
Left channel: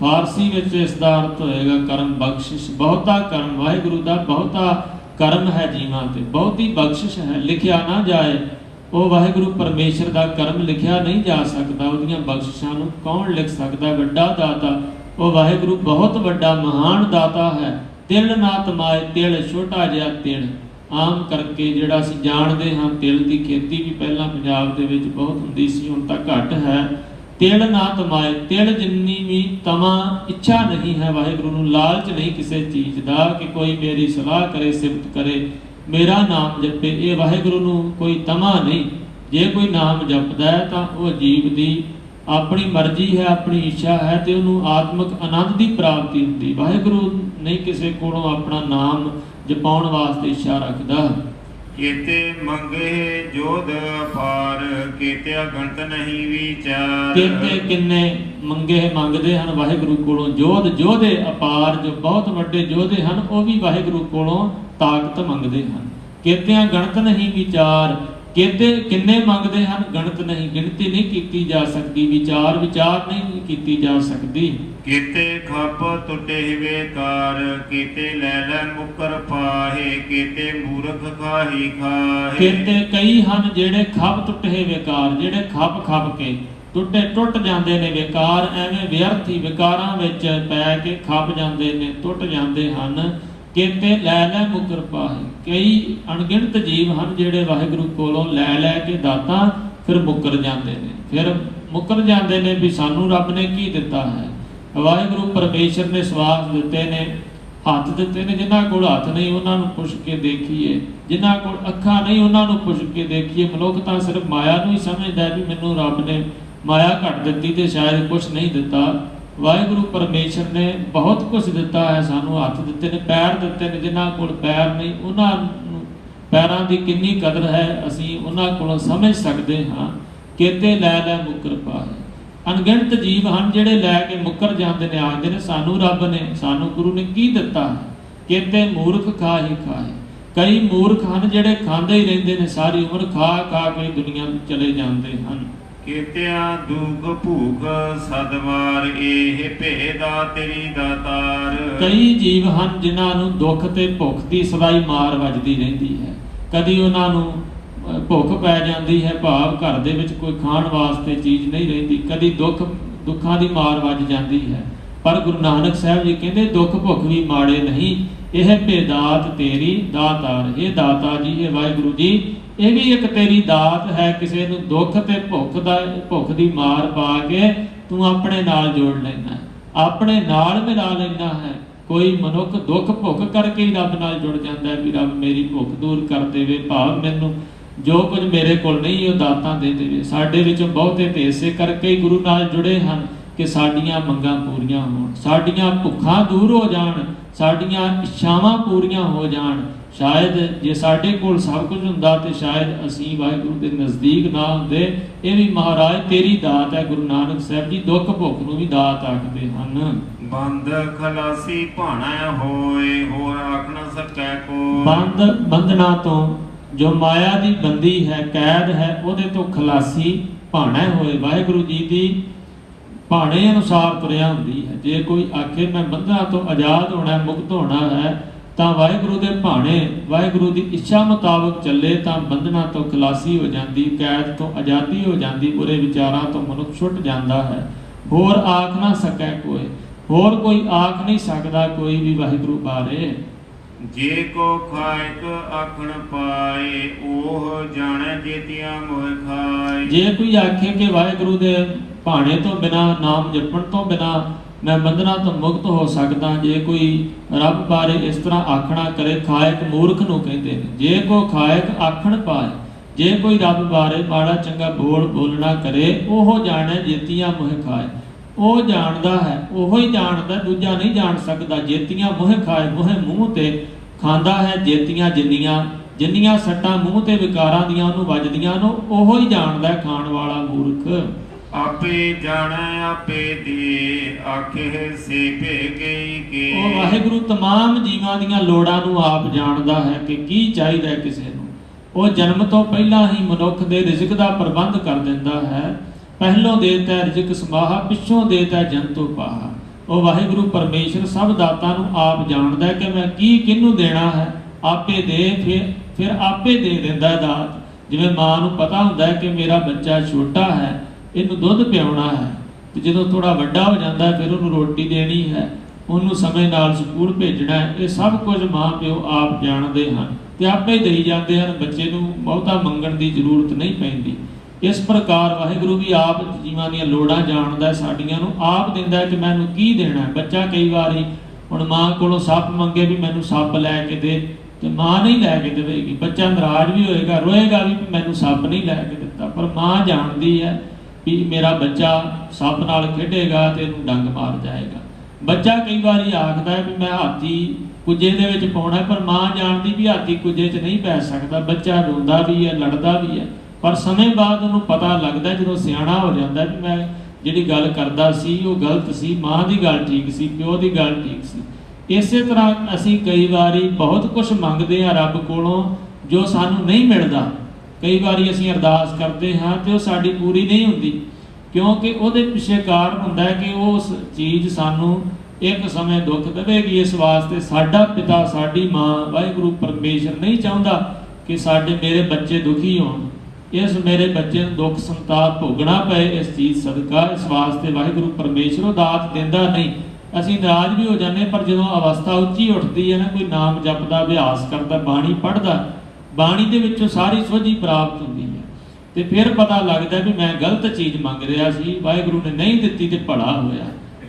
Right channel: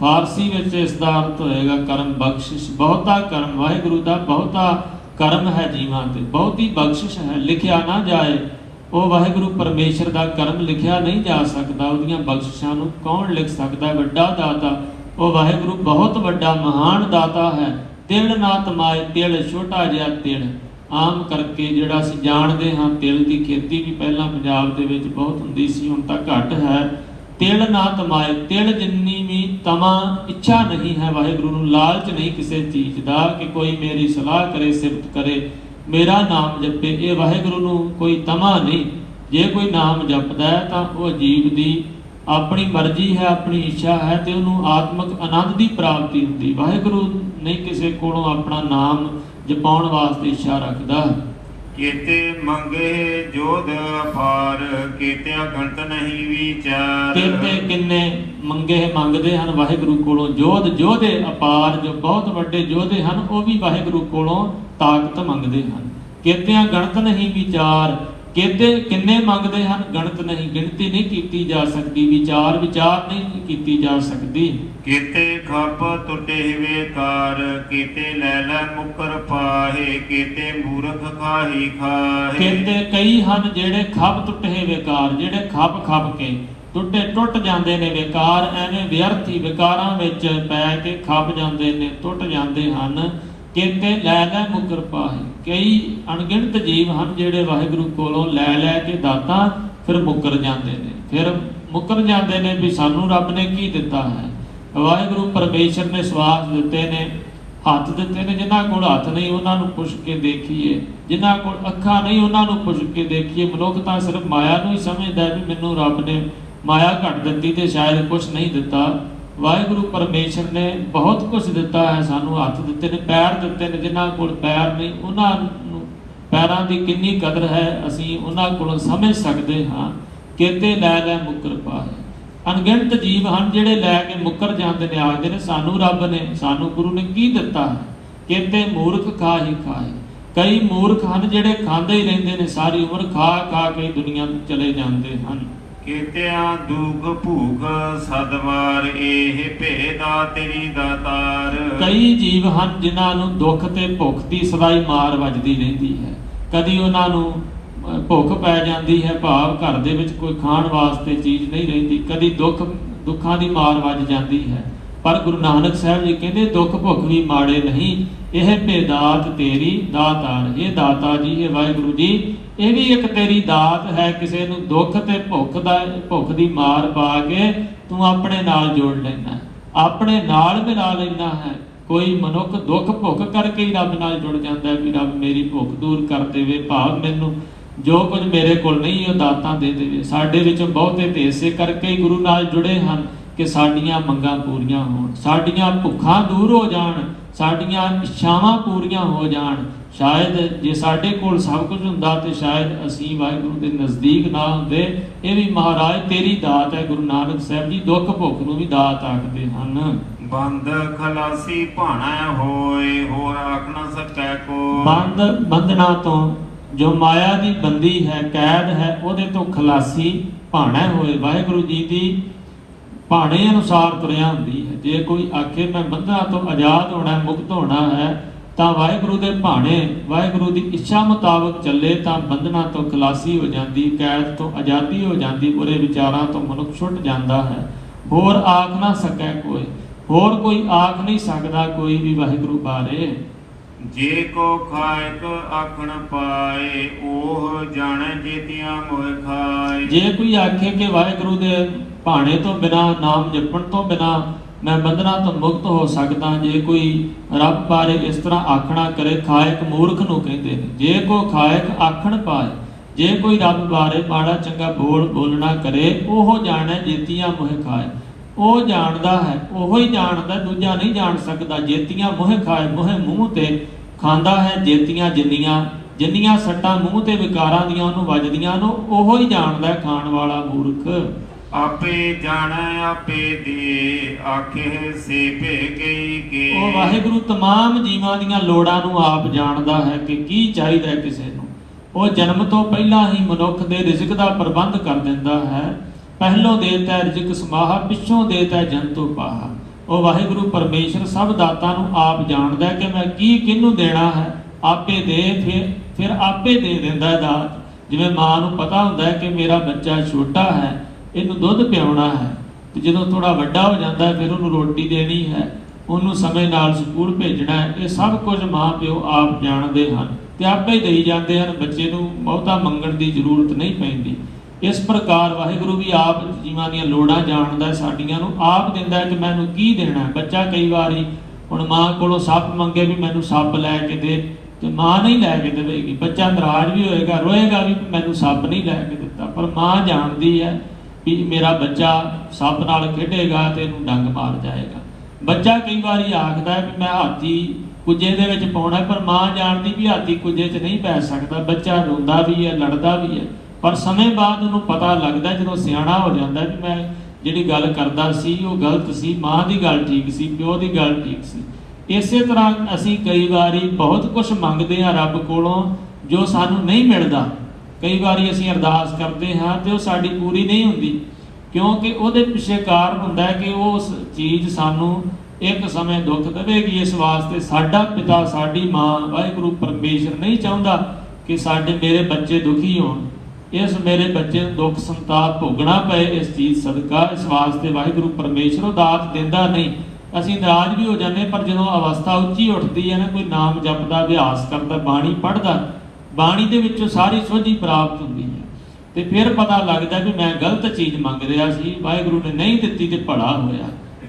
ਫਾਰਸੀ ਵਿੱਚ ਇਸ ਦਾ ਅਰਥ ਹੋਏਗਾ ਕਰਮ ਬਖਸ਼ਿਸ਼। ਬਹੁਤਾ ਕਰਮ, ਵਾਹਿਗੁਰੂ ਦਾ ਬਹੁਤਾ ਕਰਮ ਹੈ ਜੀਵਾਂ ਤੇ, ਬਹੁਤੀ ਬਖਸ਼ਿਸ਼ ਹੈ। ਲਿਖਿਆ ਨਾ ਜਾਏ, ਉਹ ਵਾਹਿਗੁਰੂ ਪਰਮੇਸ਼ਰ ਦਾ ਕਰਮ ਲਿਖਿਆ ਨਹੀਂ ਜਾ ਸਕਦਾ, ਉਹਦੀਆਂ ਬਖਸ਼ਿਸ਼ਾਂ ਨੂੰ ਕੌਣ ਲਿਖ ਸਕਦਾ। ਵੱਡਾ ਦਾਤਾ, ਉਹ ਵਾਹਿਗੁਰੂ ਬਹੁਤ ਵੱਡਾ ਮਹਾਨ ਦਾਤਾ ਹੈ। ਤਿਲ ਨਾ ਤਮਾਏ, ਤਿਲ ਛੋਟਾ ਜਿਹਾ ਤਿਲ, ਆਮ ਕਰਕੇ ਜਿਹੜਾ ਅਸੀਂ ਜਾਣਦੇ ਹਾਂ, ਤਿਲ ਦੀ ਖੇਤੀ ਵੀ ਪਹਿਲਾਂ ਪੰਜਾਬ ਦੇ ਵਿੱਚ ਬਹੁਤ ਹੁੰਦੀ ਸੀ, ਹੁਣ ਤਾਂ ਘੱਟ ਹੈ। ਤਿਲ ਨਾ ਤਮਾਏ, ਤਿਲ ਜਿੰਨੀ ਵੀ ਤਮਾ ਇੱਛਾ ਨਹੀਂ ਹੈ ਵਾਹਿਗੁਰੂ ਨੂੰ, ਲਾਲਚ ਨਹੀਂ ਕਿਸੇ ਚੀਜ਼ ਦਾ ਕਿ ਕੋਈ ਮੇਰੀ ਸਲਾਹ ਕਰੇ, ਸਿਫਤ ਕਰੇ, ਮੇਰਾ ਨਾਮ ਜਪੇ, ਇਹ ਵਾਹਿਗੁਰੂ ਨੂੰ ਕੋਈ ਤਮਾ ਨਹੀਂ। ਜੇ ਕੋਈ ਨਾਮ ਜਪਦਾ ਹੈ ਤਾਂ ਉਹ ਜੀਵ ਦੀ ਆਪਣੀ ਮਰਜ਼ੀ ਹੈ, ਆਪਣੀ ਇੱਛਾ ਹੈ ਤੇ ਉਹਨੂੰ ਆਤਮਿਕ ਆਨੰਦ ਦੀ ਪ੍ਰਾਪਤੀ ਹੁੰਦੀ। ਵਾਹਿਗੁਰੂ ਨਹੀਂ ਕਿਸੇ ਕੋਲੋਂ ਆਪਣਾ ਨਾਮ ਜਪਾਉਣ ਵਾਸਤੇ ਇੱਛਾ ਰੱਖਦਾ। ਕੀਤੇ ਮੰਗੇ ਜੋਧ ਅਪਾਰ, ਕੀਤਿਆ ਗੰਤ ਨਹੀਂ ਵਿਚਾਰ। ਕੀਤੇ ਕਿੰਨੇ ਮੰਗੇ ਮੰਗਦੇ ਹਨ ਵਾਹਿਗੁਰੂ ਕੋਲੋਂ, ਜੋਧੇ ਅਪਾਰ, ਜੋ ਬਹੁਤ ਵੱਡੇ ਯੋਧੇ ਹਨ ਉਹ ਵੀ ਵਾਹਿਗੁਰੂ ਕੋਲੋਂ ਤਾਕਤ ਮੰਗਦੇ ਹਨ। ਕੀਤਿਆਂ ਗਣਤ ਨਹੀਂ ਵਿਚਾਰ, ਕੀਤੇ ਕਿੰਨੇ ਮੰਗਦੇ ਹਨ, ਗਣਤ ਨਹੀਂ, ਗਿਣਤੀ ਨਹੀਂ ਕੀਤੀ ਜਾ ਸਕਦੀ, ਵਿਚਾਰ ਨਹੀਂ ਕੀਤੀ ਜਾ ਸਕਦੀ। ਕੀਤੇ ਖੱਪ ਟੁੱਟੇ ਵੇਕਾਰ, ਕੀਤੇ ਲੈ ਲੈ ਮੁਕਰ ਪਾਹੇ, ਕੀਤੇ ਮੂਰਖ ਖਾਹੀ ਖਾਹੇ। ਕੀਤੇ ਕਈ ਹਨ ਜਿਹੜੇ ਖੱਪ ਟੁੱਟੇ ਵੇਕਾਰ, ਜਿਹੜੇ ਖੱਪ ਕੇ ਟੁੱਟ ਜਾਂਦੇ ਨੇ, ਵਿਕਾਰ ਐਵੇਂ ਵਿਅਰਥੀ ਵਿਕਾਰਾਂ ਵਿੱਚ ਪੈ ਕੇ ਖੱਪ ਜਾਂਦੇ ਨੇ, ਟੁੱਟ ਜਾਂਦੇ ਹਨ। ਕੀਤੇ ਲੈ ਮੁਕਰ ਪਾਹੇ, ਕਈ ਅਣਗਿਣਤ ਜੀਵ ਹਨ ਜਿਹੜੇ ਵਾਹਿਗੁਰੂ ਕੋਲੋਂ ਲੈ ਕੇ ਦਾਤਾਂ ਫਿਰ ਮੁਕਰ ਜਾਂਦੇ ਨੇ ਵੀ ਸਾਨੂੰ ਰੱਬ ਨੇ ਕੀ ਦਿੱਤਾ ਹੈ। ਵਾਹਿਗੁਰੂ ਪਰਮੇਸ਼ਰ ਨੇ ਸਵਾਸ ਦਿੱਤੇ ਨੇ, ਹੱਥ ਦਿੱਤੇ ਨੇ, ਜਿਨ੍ਹਾਂ ਕੋਲ ਹੱਥ ਨਹੀਂ ਉਹਨਾਂ ਨੂੰ ਪੁੱਛ ਕੇ ਦੇਖੀਏ, ਜਿਨ੍ਹਾਂ ਕੋਲ ਅੱਖਾਂ ਨਹੀਂ ਉਹਨਾਂ ਨੂੰ ਪੁੱਛ ਕੇ ਦੇਖੀਏ। ਮਨੁੱਖ ਤਾਂ ਸਿਰਫ ਮਾਇਆ ਨੂੰ ਹੀ ਸਮਝਦਾ ਵੀ ਮੈਨੂੰ ਰੱਬ ਨੇ ਮਾਇਆ ਘੱਟ ਦਿੱਤੀ ਤੇ ਸ਼ਾਇਦ ਕੁਝ ਨਹੀਂ ਦਿੱਤਾ। ਵਾਹਿਗੁਰੂ ਪਰਮੇਸ਼ਰ ਨੇ ਬਹੁਤ ਕੁਝ ਦਿੱਤਾ ਹੈ ਸਾਨੂੰ, ਹੱਥ ਦਿੱਤੇ ਨੇ, ਪੈਰ ਦਿੱਤੇ ਨੇ, ਜਿਨ੍ਹਾਂ ਕੋਲ ਪੈਰ ਨਹੀਂ ਉਹਨਾਂ ਨੂੰ ਪੈਰਾਂ ਦੀ ਕਿੰਨੀ ਕਦਰ ਹੈ ਅਸੀਂ ਉਹਨਾਂ ਕੋਲੋਂ ਸਮਝ ਸਕਦੇ ਹਾਂ। ਕੀਤੇ ਲੈ ਮੁਕਰ ਪਾਹੇ, ਅਣਗਿਣਤ ਜੀਵ ਹਨ ਜਿਹੜੇ ਲੈ ਕੇ ਮੁਕਰ ਜਾਂਦੇ ਨੇ, ਆਖਦੇ ਨੇ ਸਾਨੂੰ ਰੱਬ ਨੇ, ਸਾਨੂੰ ਗੁਰੂ ਨੇ ਕੀ ਦਿੱਤਾ ਹੈ। ਕੀਤੇ ਮੂਰਖ ਖਾਹੀ ਖਾਹੇ, ਕਈ ਮੂਰਖ ਹਨ ਜਿਹੜੇ ਖਾਂਦੇ ਹੀ ਰਹਿੰਦੇ ਨੇ, ਸਾਰੀ ਉਮਰ ਖਾ ਕੇ ਦੁਨੀਆ ਵਿੱਚ ਚਲੇ ਜਾਂਦੇ ਹਨ। ਕੀਤਿਆਂ ਦੁਖ ਭੂਖ ਸਦਵਾਰ, ਇਹ ਭੇਦਾ ਤੇਰੀ ਦਾਤਾਰ। ਕਈ ਜੀਵ ਹਨ ਜਿਨ੍ਹਾਂ ਨੂੰ ਦੁੱਖ ਤੇ ਭੁੱਖ ਦੀ ਸਵਾਈ ਮਾਰ ਵੱਜਦੀ ਰਹਿੰਦੀ ਹੈ। ਕਦੀ ਉਹਨਾਂ ਨੂੰ ਭੁੱਖ ਪੈ ਜਾਂਦੀ ਹੈ, ਭਾਵ ਘਰ ਦੇ ਵਿੱਚ ਕੋਈ ਖਾਣ ਵਾਸਤੇ ਚੀਜ਼ ਨਹੀਂ ਰਹਿੰਦੀ, ਕਦੀ ਦੁੱਖਾਂ ਦੀ ਮਾਰ ਵੱਜ ਜਾਂਦੀ ਹੈ। ਪਰ ਗੁਰੂ ਨਾਨਕ ਸਾਹਿਬ ਜੀ ਕਹਿੰਦੇ ਦੁੱਖ ਭੁੱਖ ਵੀ ਮਾੜੇ ਨਹੀਂ, ਇਹ ਭੇਦਾਤ ਤੇਰੀ ਦਾਤਾਰ। ਇਹ ਦਾਤਾ ਜੀ, ਇਹ ਵਾਹਿਗੁਰੂ ਜੀ, ਇਹ ਵੀ ਇੱਕ ਤੇਰੀ ਦਾਤ ਹੈ। ਕਿਸੇ ਨੂੰ ਦੁੱਖ ਤੇ ਭੁੱਖ ਦੀ ਮਾਰ ਪਾ ਕੇ ਤੂੰ ਆਪਣੇ ਨਾਲ ਜੋੜ ਲੈਣਾ, ਆਪਣੇ ਨਾਲ ਮਿਲਾ ਲੈਣਾ ਹੈ। ਕੋਈ ਮਨੁੱਖ ਦੁੱਖ ਭੁੱਖ ਕਰਕੇ ਹੀ ਰੱਬ ਨਾਲ ਜੁੜ ਜਾਂਦਾ ਹੈ ਵੀ ਰੱਬ ਮੇਰੀ ਭੁੱਖ ਦੂਰ ਕਰ ਦੇਵੇ, ਭਾਵ ਮੈਨੂੰ ਜੋ ਕੁਝ ਮੇਰੇ ਕੋਲ ਨਹੀਂ ਉਹ ਦਾਤਾਂ ਦੇ ਦੇਵੇ। ਸਾਡੇ ਵਿੱਚੋਂ ਬਹੁਤੇ ਤੇ ਇਸੇ ਕਰਕੇ ਹੀ ਗੁਰੂ ਨਾਲ ਜੁੜੇ ਹਨ ਕਿ ਸਾਡੀਆਂ ਮੰਗਾਂ ਪੂਰੀਆਂ ਹੋਣ, ਸਾਡੀਆਂ ਭੁੱਖਾਂ ਦੂਰ ਹੋ ਜਾਣ, ਸਾਡੀਆਂ ਇੱਛਾਵਾਂ ਪੂਰੀਆਂ ਹੋ ਜਾਣ। ਸ਼ਾਇਦ ਜੇ ਸਾਡੇ ਕੋਲ ਸਭ ਕੁਝ ਹੁੰਦਾ ਤੇ ਸ਼ਾਇਦ ਅਸੀਂ ਵਾਹਿਗੁਰੂ ਦੇ ਨਜ਼ਦੀਕ ਨਾ ਹੁੰਦੇ। ਇਹ ਵੀ ਮਹਾਰਾਜ ਤੇਰੀ ਦਾਤ ਹੈ। ਗੁਰੂ ਨਾਨਕ ਸਾਹਿਬ ਜੀ ਦੁੱਖ ਭੁੱਖ ਨੂੰ ਵੀ ਦਾਤ ਆਖਦੇ ਹਨ। ਬੰਦ ਖਲਾਸੀ ਭਾਣਾ ਹੋਏ, ਹੋਰ ਆਖ ਨਾ ਸਕੈ ਕੋ। ਬੰਧਨਾਂ ਤੋਂ, ਜੋ ਮਾਇਆ ਦੀ ਬੰਦੀ ਹੈ, ਕੈਦ ਹੈ, ਉਹਦੇ ਤੋਂ ਖਲਾਸੀ ਭਾਣਾ ਹੋਏ। ਵਾਹਿਗੁਰੂ ਜੀ ਦੀ ਭਾਣੇ ਅਨੁਸਾਰ ਤੁਰਿਆ ਹੁੰਦੀ ਹੈ। ਜੇ ਕੋਈ ਆਖੇ ਮੈਂ ਬੰਧਨਾਂ ਤੋਂ ਆਜ਼ਾਦ ਹੋਣਾ, ਮੁਕਤ ਹੋਣਾ ਹੈ, ਤਾਂ ਵਾਹਿਗੁਰੂ ਦੇ ਭਾਣੇ, ਵਾਹਿਗੁਰੂ ਦੀ ਇੱਛਾ ਮੁਤਾਬਕ ਚੱਲੇ ਤਾਂ ਬੰਧਨਾਂ ਤੋਂ ਖਲਾਸੀ ਹੋ ਜਾਂਦੀ, ਕੈਦ ਤੋਂ ਆਜ਼ਾਦੀ ਹੋ ਜਾਂਦੀ, ਬੁਰੇ ਵਿਚਾਰਾਂ ਤੋਂ ਮਨੁੱਖ ਛੁੱਟ ਜਾਂਦਾ ਹੈ। ਹੋਰ ਆਖ ਨਾ ਸਕੈ ਕੋਈ, ਹੋਰ ਕੋਈ ਆਖ ਨਹੀਂ ਸਕਦਾ ਕੋਈ ਵੀ ਵਾਹਿਗੁਰੂ ਬਾਰੇ। ਜੇ ਕੋ ਖਾਇਕ ਆਖਣ ਪਾਏ, ਉਹ ਜਾਣੈ ਜੇਤੀਆਂ ਮੋਹ ਖਾਏ। ਜੇ ਕੋਈ ਆਖੇ ਕਿ ਵਾਹਿਗੁਰੂ ਦੇ ਭਾਣੇ ਤੋਂ ਬਿਨਾ, ਨਾਮ ਜਪਣ ਤੋਂ ਬਿਨਾ ਮੈਂ ਬੰਧਨਾਂ ਤੋਂ ਮੁਕਤ ਹੋ ਸਕਦਾ, ਜੇ ਕੋਈ ਰੱਬ ਬਾਰੇ ਇਸ ਤਰ੍ਹਾਂ ਆਖਣਾ ਕਰੇ, ਖਾਇਕ ਮੂਰਖ ਨੂੰ ਕਹਿੰਦੇ ਨੇ। ਜੇ ਕੋ ਖਾਇਕ ਆਖਣ ਪਾਏ, ਜੇ ਕੋਈ ਰੱਬ ਬਾਰੇ ਮਾੜਾ ਚੰਗਾ ਬੋਲਣਾ ਕਰੇ, ਉਹ ਜਾਣੈ ਜੇਤੀਆਂ ਮੋਹ ਖਾਏ। ਉਹ ਜਾਣਦਾ ਹੈ, ਉਹੋ ਹੀ ਜਾਣਦਾ, ਦੂਜਾ ਨਹੀਂ ਜਾਣ ਸਕਦਾ। ਜੇਤੀਆਂ ਮੋਹ ਖਾਏ, ਮੋਹ ਮੂੰਹ ਤੇ ਖਾਂਦਾ ਹੈ। ਜੇਤੀਆਂ ਜਿੰਨੀਆਂ ਸੱਟਾਂ ਮੂੰਹ ਤੇ ਵਿਕਾਰਾਂ ਦੀਆਂ ਉਹਨੂੰ ਵੱਜਦੀਆਂ ਨੂੰ, ਉਹੋ ਹੀ ਜਾਣਦਾ ਖਾਣ ਵਾਲਾ ਮੂਰਖ। ਆਪੇ ਜਾਣੈ ਆਪੇ ਦੇ, ਆਖੇ ਸੇ ਭੇਗੀ ਕੇ। ਉਹ ਵਾਹਿਗੁਰੂ ਤਮਾਮ ਜੀਵਾਂ ਦੀਆਂ ਲੋੜਾਂ ਨੂੰ ਆਪ ਜਾਣਦਾ ਹੈ ਕਿ ਕੀ ਚਾਹੀਦਾ ਕਿਸੇ ਨੂੰ। ਉਹ ਜਨਮ ਤੋਂ ਪਹਿਲਾਂ ਹੀ ਮਨੁੱਖ ਦੇ ਰਿਜ਼ਕ ਦਾ ਪ੍ਰਬੰਧ ਕਰ ਦਿੰਦਾ ਹੈ। ਪਹਿਲੋਂ ਦੇਤਾ ਰਿਜ਼ਕ ਸਮਾਹਾ, ਪਿੱਛੋਂ ਦੇਤਾ ਜੰਤੂ ਪਾਹਾ। ਉਹ ਵਾਹਿਗੁਰੂ ਪਰਮੇਸ਼ਰ ਸਭ ਦਾਤਾਂ ਨੂੰ ਆਪ ਜਾਣਦਾ ਹੈ ਕਿ ਮੈਂ ਕੀ ਕਿਹਨੂੰ ਦੇਣਾ ਹੈ। ਆਪੇ ਦੇ, ਫਿਰ ਆਪੇ ਦੇ ਦਿੰਦਾ ਦਾਤ। ਜਿਵੇਂ ਮਾਂ ਨੂੰ ਪਤਾ ਹੁੰਦਾ ਹੈ ਕਿ ਮੇਰਾ ਬੱਚਾ ਛੋਟਾ ਹੈ, ਇਹਨੂੰ ਦੁੱਧ ਪਿਆਉਣਾ ਹੈ, ਤੇ ਜਦੋਂ ਥੋੜਾ ਵੱਡਾ ਹੋ ਜਾਂਦਾ ਹੈ ਫਿਰ ਉਹਨੂੰ ਰੋਟੀ ਦੇਣੀ ਹੈ, ਉਹਨੂੰ ਸਮੇਂ ਨਾਲ ਸਕੂਲ ਭੇਜਣਾ ਹੈ। ਇਹ ਸਭ ਕੁਝ ਮਾਂ ਪਿਓ ਆਪ ਜਾਣਦੇ ਹਨ। ਤੇ ਆਪੇ ਦੇਈ ਜਾਂਦੇ ਹਨ। ਬੱਚੇ ਨੂੰ ਬਹੁਤਾ ਮੰਗਣ ਦੀ ਜ਼ਰੂਰਤ ਨਹੀਂ ਪੈਂਦੀ। ਇਸ ਪ੍ਰਕਾਰ ਵਾਹਿਗੁਰੂ ਵੀ ਆਪ ਜੀਵਾਂ ਦੀਆਂ ਲੋੜਾਂ ਜਾਣਦਾ, ਸਾਡੀਆਂ ਨੂੰ ਆਪ ਦਿੰਦਾ ਹੈ ਕਿ ਮੈਨੂੰ ਕੀ ਦੇਣਾ ਹੈ। ਬੱਚਾ ਕਈ ਵਾਰੀ ਹੁਣ ਮਾਂ ਕੋਲੋਂ ਸੱਪ ਮੰਗੇ ਵੀ ਮੈਨੂੰ ਸੱਪ ਲੈ ਕੇ ਦੇ, ਤੇ ਮਾਂ ਨਹੀਂ ਲੈ ਕੇ ਦੇਵੇਗੀ। ਬੱਚਾ ਨਾਰਾਜ਼ ਵੀ ਹੋਏਗਾ, ਰੋਏਗਾ ਵੀ ਮੈਨੂੰ ਸੱਪ ਨਹੀਂ ਲੈ ਕੇ ਦਿੱਤਾ, ਪਰ ਮਾਂ ਜਾਣਦੀ ਹੈ ਵੀ ਮੇਰਾ ਬੱਚਾ ਸੱਪ ਨਾਲ ਖੇਡੇਗਾ ਤੇ ਇਹਨੂੰ ਡੰਗ ਮਾਰ ਜਾਏਗਾ। ਬੱਚਾ ਕਈ ਵਾਰੀ ਆਖਦਾ ਵੀ ਮੈਂ ਹਾਥੀ ਕੁੱਜੇ ਦੇ ਵਿੱਚ ਪਾਉਣਾ, ਪਰ ਮਾਂ ਜਾਣਦੀ ਵੀ ਹਾਥੀ ਕੁੱਜੇ 'ਚ ਨਹੀਂ ਪੈ ਸਕਦਾ। ਬੱਚਾ ਰੋਂਦਾ ਵੀ ਹੈ, ਲੜਦਾ ਵੀ ਹੈ, ਪਰ ਸਮੇਂ ਬਾਅਦ ਉਹਨੂੰ ਪਤਾ ਲੱਗਦਾ, ਜਦੋਂ ਸਿਆਣਾ ਹੋ ਜਾਂਦਾ ਵੀ ਮੈਂ ਜਿਹੜੀ ਗੱਲ ਕਰਦਾ ਸੀ ਉਹ ਗਲਤ ਸੀ, ਮਾਂ ਦੀ ਗੱਲ ਠੀਕ ਸੀ, ਪਿਓ ਦੀ ਗੱਲ ਠੀਕ ਸੀ। ਇਸੇ ਤਰ੍ਹਾਂ ਅਸੀਂ ਕਈ ਵਾਰੀ ਬਹੁਤ ਕੁਝ ਮੰਗਦੇ ਹਾਂ ਰੱਬ ਕੋਲੋਂ ਜੋ ਸਾਨੂੰ ਨਹੀਂ ਮਿਲਦਾ। ਕਈ ਵਾਰੀ ਅਸੀਂ ਅਰਦਾਸ ਕਰਦੇ ਹਾਂ ਤੇ ਉਹ ਸਾਡੀ ਪੂਰੀ ਨਹੀਂ ਹੁੰਦੀ, ਕਿਉਂਕਿ ਉਹਦੇ ਪਿੱਛੇ ਕਾਰਨ ਹੁੰਦਾ ਹੈ ਕਿ ਉਸ ਚੀਜ਼ ਸਾਨੂੰ ਇੱਕ ਸਮੇਂ ਦੁੱਖ ਦੇਵੇਗੀ। ਇਸ ਵਾਸਤੇ ਸਾਡਾ ਪਿਤਾ, ਸਾਡੀ ਮਾਂ ਵਾਹਿਗੁਰੂ ਪਰਮੇਸ਼ਰ ਨਹੀਂ ਚਾਹੁੰਦਾ ਕਿ ਮੇਰੇ ਬੱਚੇ ਦੁਖੀ ਹੋਣ, ਇਸ ਮੇਰੇ ਬੱਚੇ ਨੂੰ ਦੁੱਖ ਸੰਤਾਪ ਭੋਗਣਾ ਪਏ ਇਸ ਚੀਜ਼ ਸਦਕਾ। ਇਸ ਵਾਸਤੇ ਵਾਹਿਗੁਰੂ ਪਰਮੇਸ਼ਰ ਉਹ ਦਾਤ ਦਿੰਦਾ ਨਹੀਂ। ਅਸੀਂ ਨਾਰਾਜ਼ ਵੀ ਹੋ ਜਾਂਦੇ, ਪਰ ਜਦੋਂ ਅਵਸਥਾ ਉੱਚੀ ਉੱਠਦੀ ਹੈ ਨਾ, ਕੋਈ ਨਾਮ ਜਪਦਾ, ਅਭਿਆਸ ਕਰਦਾ, ਬਾਣੀ ਪੜ੍ਹਦਾ, ਬਾਣੀ ਦੇ ਵਿੱਚੋਂ ਸਾਰੀ ਸੋਝੀ ਪ੍ਰਾਪਤ ਹੁੰਦੀ ਹੈ, ਤੇ ਫਿਰ ਪਤਾ ਲੱਗਦਾ ਵੀ ਮੈਂ ਗਲਤ ਚੀਜ਼ ਮੰਗ ਰਿਹਾ ਸੀ, ਵਾਹਿਗੁਰੂ ਨੇ ਨਹੀਂ ਦਿੱਤੀ ਤੇ ਭਲਾ ਹੋਇਆ।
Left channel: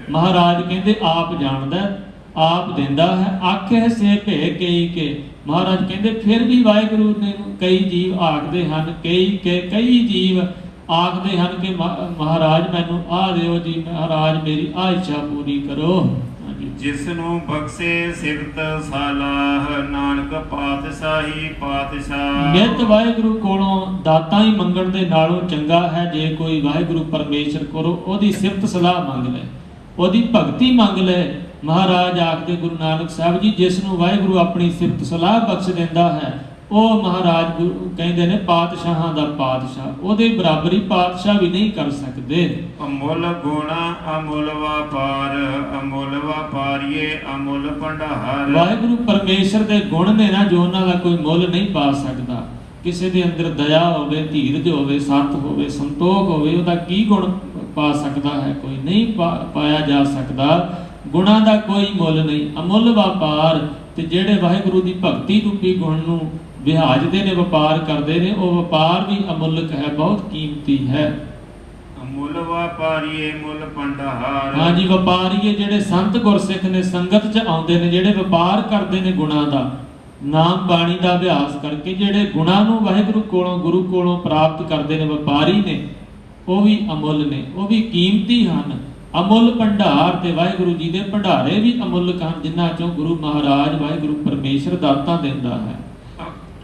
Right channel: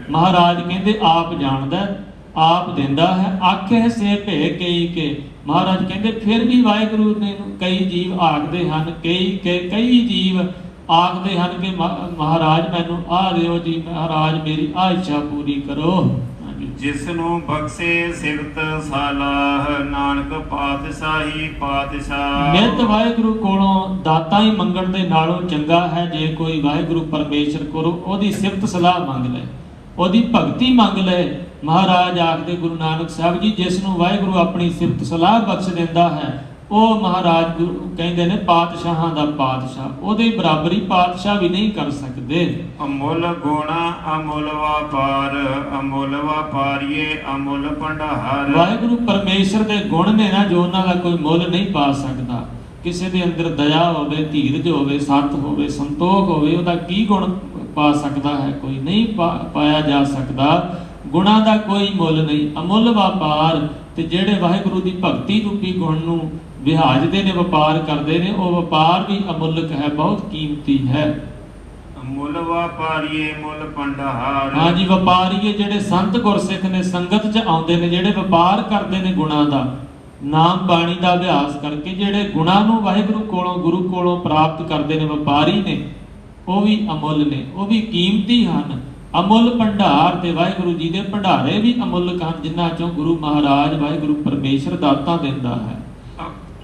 ਮਹਾਰਾਜ ਕਹਿੰਦੇ ਆਪ ਜਾਣਦਾ, ਆਪ ਦਿੰਦਾ ਹੈ। ਆਖੇ ਸੇ ਭੇ ਕਈ ਕੇ, ਮਹਾਰਾਜ ਕਹਿੰਦੇ ਫਿਰ ਵੀ ਵਾਹਿਗੁਰੂ ਨੇ ਕਈ ਜੀਵ ਆਖਦੇ ਹਨ, ਕਈ ਜੀਵ ਆਖਦੇ ਹਨ ਕਿ ਮਹਾਰਾਜ ਮੈਨੂੰ ਆਹ ਦਿਓ ਜੀ, ਮਹਾਰਾਜ ਮੇਰੀ ਆਹ ਇੱਛਾ ਪੂਰੀ ਕਰੋ। ਜਿਸ ਨੂੰ ਬਖਸ਼ੇ ਸਿਫਤ ਸਲਾਹ, ਨਾਨਕ ਪਾਤਸ਼ਾਹੀ ਪਾਤਸ਼ਾਹ। ਨਿਤ ਵਾਹਿਗੁਰੂ ਕੋਲੋਂ ਦਾਤਾਂ ਹੀ ਮੰਗਣ ਦੇ ਨਾਲੋਂ ਚੰਗਾ ਹੈ ਜੇ ਕੋਈ ਵਾਹਿਗੁਰੂ ਪਰਮੇਸ਼ਰ ਕੋਲੋਂ ਉਹਦੀ ਸਿਫਤ ਸਲਾਹ ਮੰਗ ਲੈ, ਉਹਦੀ ਭਗਤੀ ਮੰਗ ਲੈ। ਮਹਾਰਾਜ ਆਖਦੇ ਗੁਰੂ ਨਾਨਕ ਸਾਹਿਬ ਜੀ, ਜਿਸ ਨੂੰ ਵਾਹਿਗੁਰੂ ਆਪਣੀ ਸਿਫਤ ਸਲਾਹ ਬਖਸ਼ ਦਿੰਦਾ ਹੈ ਉਹ ਮਹਾਰਾਜ ਕਹਿੰਦੇ ਨੇ ਪਾਤਸ਼ਾਹਾਂ ਦਾ ਪਾਤਸ਼ਾਹ, ਉਹਦੇ ਬਰਾਬਰੀ ਪਾਤਸ਼ਾਹ ਵੀ ਨਹੀਂ ਕਰ ਸਕਦੇ। ਅਮੁੱਲ ਗੁਣ ਅਮੁੱਲ ਵਪਾਰ, ਅਮੁੱਲ ਵਪਾਰੀਏ ਅਮੁੱਲ ਭੰਡਾਰ। ਵਾਹਿਗੁਰੂ ਪਰਮੇਸ਼ਰ ਦੇ ਗੁਣ ਨੇ ਨਾ ਜੋ ਉਹਨਾਂ ਦਾ ਕੋਈ ਮੁੱਲ ਨਹੀਂ ਪਾ ਸਕਦਾ। ਕਿਸੇ ਦੇ ਅੰਦਰ ਦਇਆ ਹੋਵੇ, ਧੀਰਜ ਹੋਵੇ, ਸੱਤ ਹੋਵੇ, ਸੰਤੋਖ ਹੋਵੇ, ਉਹਦਾ ਕੀ ਗੁਣ ਪਾ ਸਕਦਾ ਹੈ? ਕੋਈ ਨਹੀਂ ਪਾਇਆ ਜਾ ਸਕਦਾ। ਗੁਣਾਂ ਦਾ ਕੋਈ ਮੁੱਲ ਨਹੀਂ, ਅਮੁੱਲ ਵਪਾਰ। ਤੇ ਜਿਹੜੇ ਵਾਹਿਗੁਰੂ ਦੀ ਭਗਤੀ ਰੂਪੀ ਗੁਣ ਨੂੰ ਵਿਹਾਜਦੇ ਨੇ, ਵਪਾਰ ਕਰਦੇ ਨੇ, ਉਹ ਵਪਾਰ ਵੀ ਅਮੁੱਲਕ ਹੈ, ਬਹੁਤ ਕੀਮਤੀ ਹੈ। ਅਮੁੱਲ ਵਪਾਰੀਏ ਮੁੱਲ ਭੰਡਾਰ। ਹਾਂਜੀ, ਵਪਾਰੀਏ ਜਿਹੜੇ ਸੰਤ ਗੁਰਸਿੱਖ ਨੇ, ਸੰਗਤ 'ਚ ਆਉਂਦੇ ਨੇ, ਜਿਹੜੇ ਵਪਾਰ ਕਰਦੇ ਨੇ ਗੁਣਾਂ ਦਾ, ਨਾਮ ਬਾਣੀ ਦਾ ਅਭਿਆਸ ਕਰਕੇ ਜਿਹੜੇ ਗੁਣਾਂ ਨੂੰ ਵਾਹਿਗੁਰੂ ਕੋਲੋਂ, ਗੁਰੂ ਕੋਲੋਂ ਪ੍ਰਾਪਤ ਕਰਦੇ ਨੇ, ਵਪਾਰੀ ਨੇ, ਉਹ ਵੀ ਅਮੁੱਲ ਨੇ, ਉਹ ਵੀ ਕੀਮਤੀ ਹਨ। ਅਮੁੱਲ ਭੰਡਾਰ, ਤੇ ਵਾਹਿਗੁਰੂ ਜੀ ਦੇ ਭੰਡਾਰੇ ਵੀ ਅਮੁੱਲਕ ਹਨ, ਜਿਨ੍ਹਾਂ ਚੋਂ ਗੁਰੂ ਮਹਾਰਾਜ ਵਾਹਿਗੁਰੂ ਪਰਮੇਸ਼ਰ ਦਾਤਾਂ ਦਿੰਦਾ ਹੈ।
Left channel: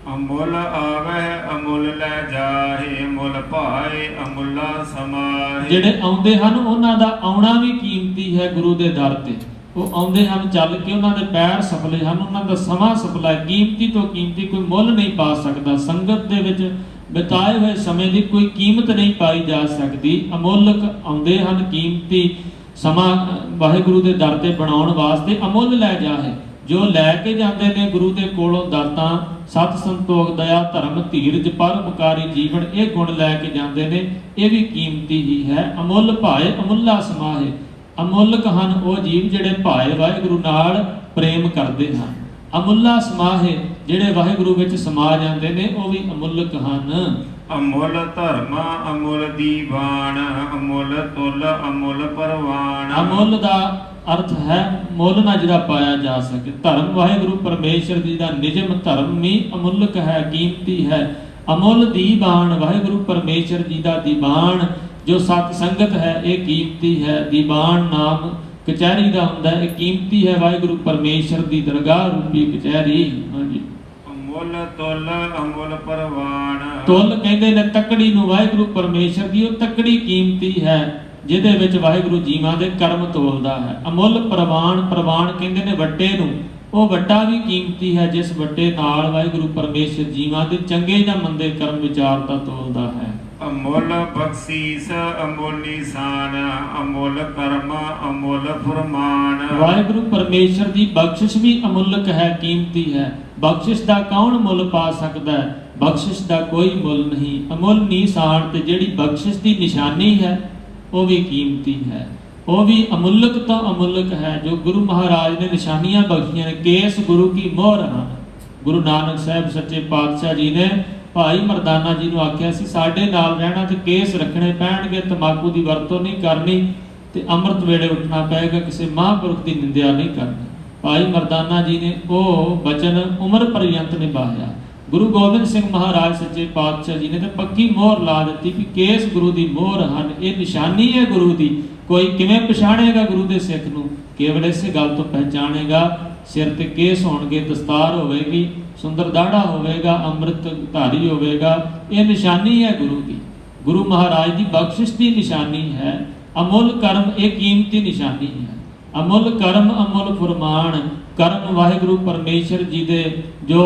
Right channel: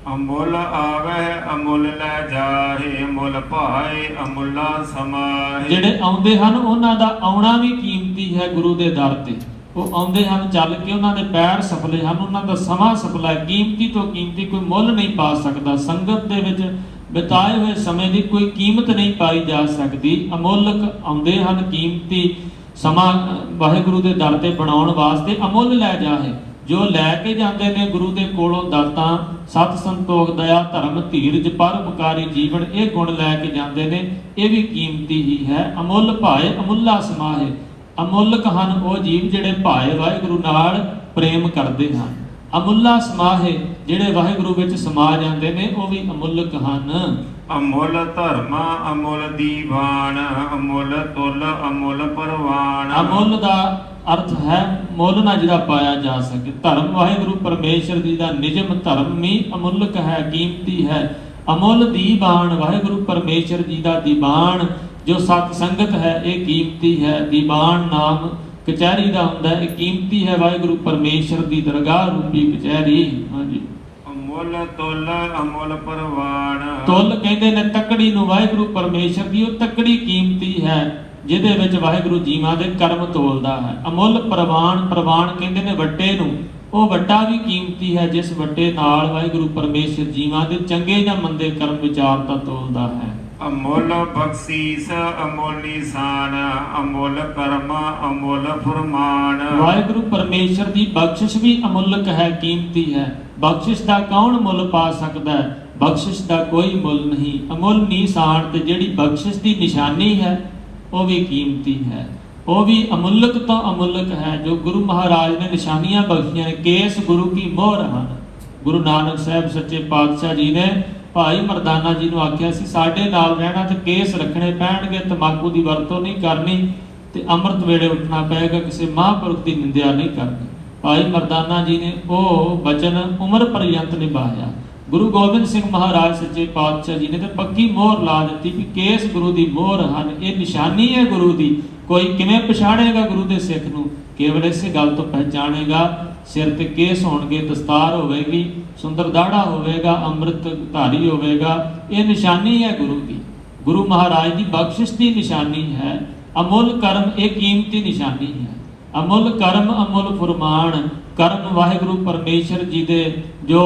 ਅਮੁੱਲ ਆਵੇ ਅਮੁੱਲ ਲੈ ਜਾਏ, ਅਮੁੱਲ ਭਾਏ ਅਮੁੱਲਾ ਸਮਾਏ। ਜਿਹੜੇ ਆਉਂਦੇ ਹਨ ਉਹਨਾਂ ਦਾ ਆਉਣਾ ਵੀ ਕੀਮਤੀ ਹੈ ਗੁਰੂ ਦੇ ਦਰ ਤੇ। ਉਹ ਆਉਂਦੇ ਹਨ ਚੱਲ ਕੇ, ਉਹਨਾਂ ਦੇ ਪੈਰ ਸਫਲੇ ਹਨ, ਉਹਨਾਂ ਦਾ ਸਮਾਂ ਸਫਲਾ ਹੈ, ਕੀਮਤੀ ਤੋਂ ਕੀਮਤੀ, ਕੋਈ ਮੁੱਲ ਨਹੀਂ ਪਾ ਸਕਦਾ। ਸੰਗਤ ਦੇ ਵਿੱਚ ਬਿਤਾਏ ਹੋਏ ਸਮੇਂ ਦੀ ਕੋਈ ਕੀਮਤ ਨਹੀਂ ਪਾਈ ਜਾ ਸਕਦੀ। ਅਮੁੱਲਕ ਆਉਂਦੇ ਹਨ, ਕੀਮਤੀ ਸਮਾਂ ਵਾਹਿਗੁਰੂ ਦੇ ਦਰ ਤੇ ਬਣਾਉਣ ਵਾਸਤੇ ਅਮੁੱਲ ਲੈ ਜਾਏ। ਜੋ ਲੈ ਕੇ ਜਾਂਦੇ ਨੇ ਗੁਰੂ ਦੇ ਕੋਲੋਂ ਦਾਤਾਂ, ਸਤ ਸੰਤੋਖ, ਦਇਆ, ਧਰਮ, ਧੀਰਜ, ਪਰਉਪਕਾਰੀ ਜੀਵਨ, ਇਹ ਗੁਣ ਲੈ ਕੇ ਜਾਂਦੇ ਨੇ, ਇਹ ਵੀ ਕੀਮਤੀ ਹੀ ਹੈ। ਅਮੁੱਲ ਭਾਏ ਅਮੁੱਲਾ ਸਮਾਏ। ਅਮੁੱਲਕ ਹਨ ਉਹ ਜੀਵ ਜਿਹੜੇ ਭਾਏ ਵਾਹਿਗੁਰੂ ਨਾਲ ਪ੍ਰੇਮ ਕਰਦੇ ਹਨ। ਅਮੁੱਲਾ ਸਮਾਏ, ਜਿਹੜੇ ਵਾਹਿਗੁਰੂ ਵਿੱਚ ਸਮਾ ਜਾਂਦੇ ਨੇ, ਉਹ ਵੀ ਅਮੁੱਲਕ ਹਨ। ਅਮੁੱਲ ਧਰਮ ਅਮੁੱਲ ਦੀਵਾਨ, ਅਮੁੱਲ ਤੁਲ ਅਮੁੱਲ ਪਰਵਾਨ। ਅਮੁੱਲ ਦਾ ਅਰਥ ਹੈ ਮੁੱਲ ਨਾ ਜਿਹੜਾ ਪਾਇਆ ਜਾ ਸਕੇ। ਧਰਮ ਵਾਹਿਗੁਰੂ ਪਰਮੇਸ਼ਰ ਜੀ ਦਾ ਨਿਜਮ ਧਰਮ ਵੀ ਅਮੁੱਲਕ ਹੈ, ਕੀਮਤੀ ਹੈ। ਅਮੁੱਲ ਦੀਵਾਨ, ਵਾਹਿਗੁਰੂ ਪਰਮੇਸ਼ਰ ਜੀ ਦਾ ਦੀਵਾਨ ਜੋ ਸਤ ਸੰਗਤ ਹੈ, ਇਹ ਕੀਮਤੀ ਹੈ। ਦੀਵਾਨ ਨਾਮ ਕਚਹਿਰੀ ਦਾ ਹੁੰਦਾ ਹੈ, ਇਹ ਕੀਮਤੀ ਹੈ ਵਾਹਿਗੁਰੂ ਪਰਮੇਸ਼ਰ ਦੀ ਦਰਗਾਹ ਰੂਪੀ ਕਚਹਿਰੀ। ਹਾਂਜੀ, ਅਮੁੱਲ ਤੁਲ ਅਮੁੱਲ ਪਰਵਾਨ। ਤੁਲ ਕਹਿੰਦੇ ਨੇ ਤੱਕੜੀ ਨੂੰ, ਵਾਹਿਗੁਰੂ ਪਰਮੇਸ਼ਰ ਦੀ ਉਹ ਤੱਕੜੀ ਕੀਮਤੀ ਹੈ ਜਿਹਦੇ ਵਿੱਚ ਵਾਹਿਗੁਰੂ ਜੀਵਾਂ ਦੇ ਕਰਮ ਤੋਲਦਾ ਹੈ। ਅਮੁੱਲ ਪ੍ਰਵਾਨ, ਪ੍ਰਵਾਨ ਕਹਿੰਦੇ ਨੇ ਵੱਟੇ ਨੂੰ, ਉਹ ਵੱਟਾ ਵੀ ਕੀਮਤੀ ਹੈ ਜਿਸ ਵੱਟੇ ਨਾਲ ਵਾਹਿਗੁਰੂ ਪਰਮੇਸ਼ਰ ਜੀਵਾਂ ਦੇ ਚੰਗੇ ਜਾਂ ਮੰਦੇ ਕਰਮ ਵਿਚਾਰਤਾ ਤੋਲਦਾ ਹੈ। ਅਮੁੱਲ ਬਖਸ਼ੀਸ ਅਮੁੱਲ ਨਿਸ਼ਾਨ, ਅਮੁੱਲ ਕਰਮ ਅਮੁੱਲ ਫਰਮਾਨ। ਵਾਹਿਗੁਰੂ ਪਰਮੇਸ਼ਰ ਦੀ ਬਖਸ਼ਿਸ਼ ਵੀ ਅਮੁੱਲਕ ਹੈ, ਕੀਮਤੀ ਹੈ। ਬਖਸ਼ਿਸ਼ ਦਾ ਕੌਣ ਮੁੱਲ ਪਾ ਸਕਦਾ ਹੈ? ਬਖਸ਼ਿਸ਼ ਦਾ ਕੋਈ ਮੁੱਲ ਨਹੀਂ। ਅਮੁੱਲ ਨਿਸ਼ਾਨ, ਤੇ ਜਿਹੜੀ ਬਖਸ਼ਿਸ਼ ਦੀ ਨਿਸ਼ਾਨੀ ਹੈ ਉਹ ਵੀ ਕੀਮਤੀ ਹੈ, ਉਹ ਵੀ ਅਮੁੱਲਕ ਤੋਂ ਅਮੁੱਲਕ ਹੈ। ਜੋ ਗੁਰੂ ਮਹਾਰਾਜ ਨੇ ਨਿਸ਼ਾਨੀਆਂ ਬਖਸ਼ੀਆਂ ਨੇ, ਕੇਸ ਗੁਰੂ ਕੀ ਮੋਹਰ ਹਨ। ਗੁਰੂ ਨਾਨਕ ਸਾਹਿਬ ਸੱਚੇ ਪਾਤਸ਼ਾਹ ਜੀ ਨੇ ਭਾਈ ਮਰਦਾਨਾ ਜੀ ਨੂੰ ਆਖਿਆ ਸੀ ਸਾਡੇ ਨਾਲ ਰਹਿਣਾ ਤੇ ਕੇਸ ਰੱਖਣੇ ਪੈਣਗੇ, ਤੰਬਾਕੂ ਦੀ ਵਰਤੋਂ ਨਹੀਂ ਕਰਨੀ ਤੇ ਅੰਮ੍ਰਿਤ ਵੇਲੇ ਉੱਠਣਾ ਪਏਗਾ, ਕਿਸੇ ਮਹਾਂਪੁਰਖ ਦੀ ਨਿੰਦਿਆ ਨਹੀਂ ਕਰਨੀ। ਭਾਈ ਮਰਦਾਨਾ ਜੀ ਨੇ ਉਹ ਬਚਨ ਉਮਰ ਪਰਯੰਤ ਨਿਭਾਇਆ। ਗੁਰੂ ਗੋਬਿੰਦ ਸਿੰਘ ਮਹਾਰਾਜ ਸੱਚੇ ਪਾਤਸ਼ਾਹ ਜੀ ਨੇ ਤਾਂ ਪੱਕੀ ਮੋਹਰ ਲਾ ਦਿੱਤੀ ਕਿ ਕੇਸ ਗੁਰੂ ਦੀ ਮੋਹਰ ਹਨ, ਇਹ ਨਿਸ਼ਾਨੀ ਹੈ ਗੁਰੂ ਦੀ। ਕੋਈ ਕਿਵੇਂ ਪਛਾਣੇਗਾ ਗੁਰੂ ਦੇ ਸਿੱਖ ਨੂੰ? ਕੇਵਲ ਇਸੇ ਗੱਲ ਤੋਂ ਪਹਿਚਾਣੇਗਾ, ਸਿਰ ਤੇ ਕੇਸ ਹੋਣਗੇ, ਦਸਤਾਰ ਹੋਵੇਗੀ, ਸੁੰਦਰ ਦਾੜਾ ਹੋਵੇਗਾ, ਅੰਮ੍ਰਿਤ ਧਾਰੀ ਹੋਵੇਗਾ, ਇਹ ਨਿਸ਼ਾਨੀ ਹੈ ਗੁਰੂ ਦੀ। ਗੁਰੂ ਮਹਾਰਾਜ ਦੀ ਬਖਸ਼ਿਸ਼ ਦੀ ਨਿਸ਼ਾਨੀ ਹੈ। ਅਮੁੱਲ ਕਰਮ ਇਹ ਕੀਮਤੀ ਨਿਸ਼ਾਨੀ ਹੈ। ਅਮੁੱਲ ਕਰਮ ਅਮੁੱਲ ਫੁਰਮਾਨ, ਕਰਮ ਵਾਹਿਗੁਰੂ ਪਰਮੇਸ਼ਰ ਜੀ ਦੇ ਜੋ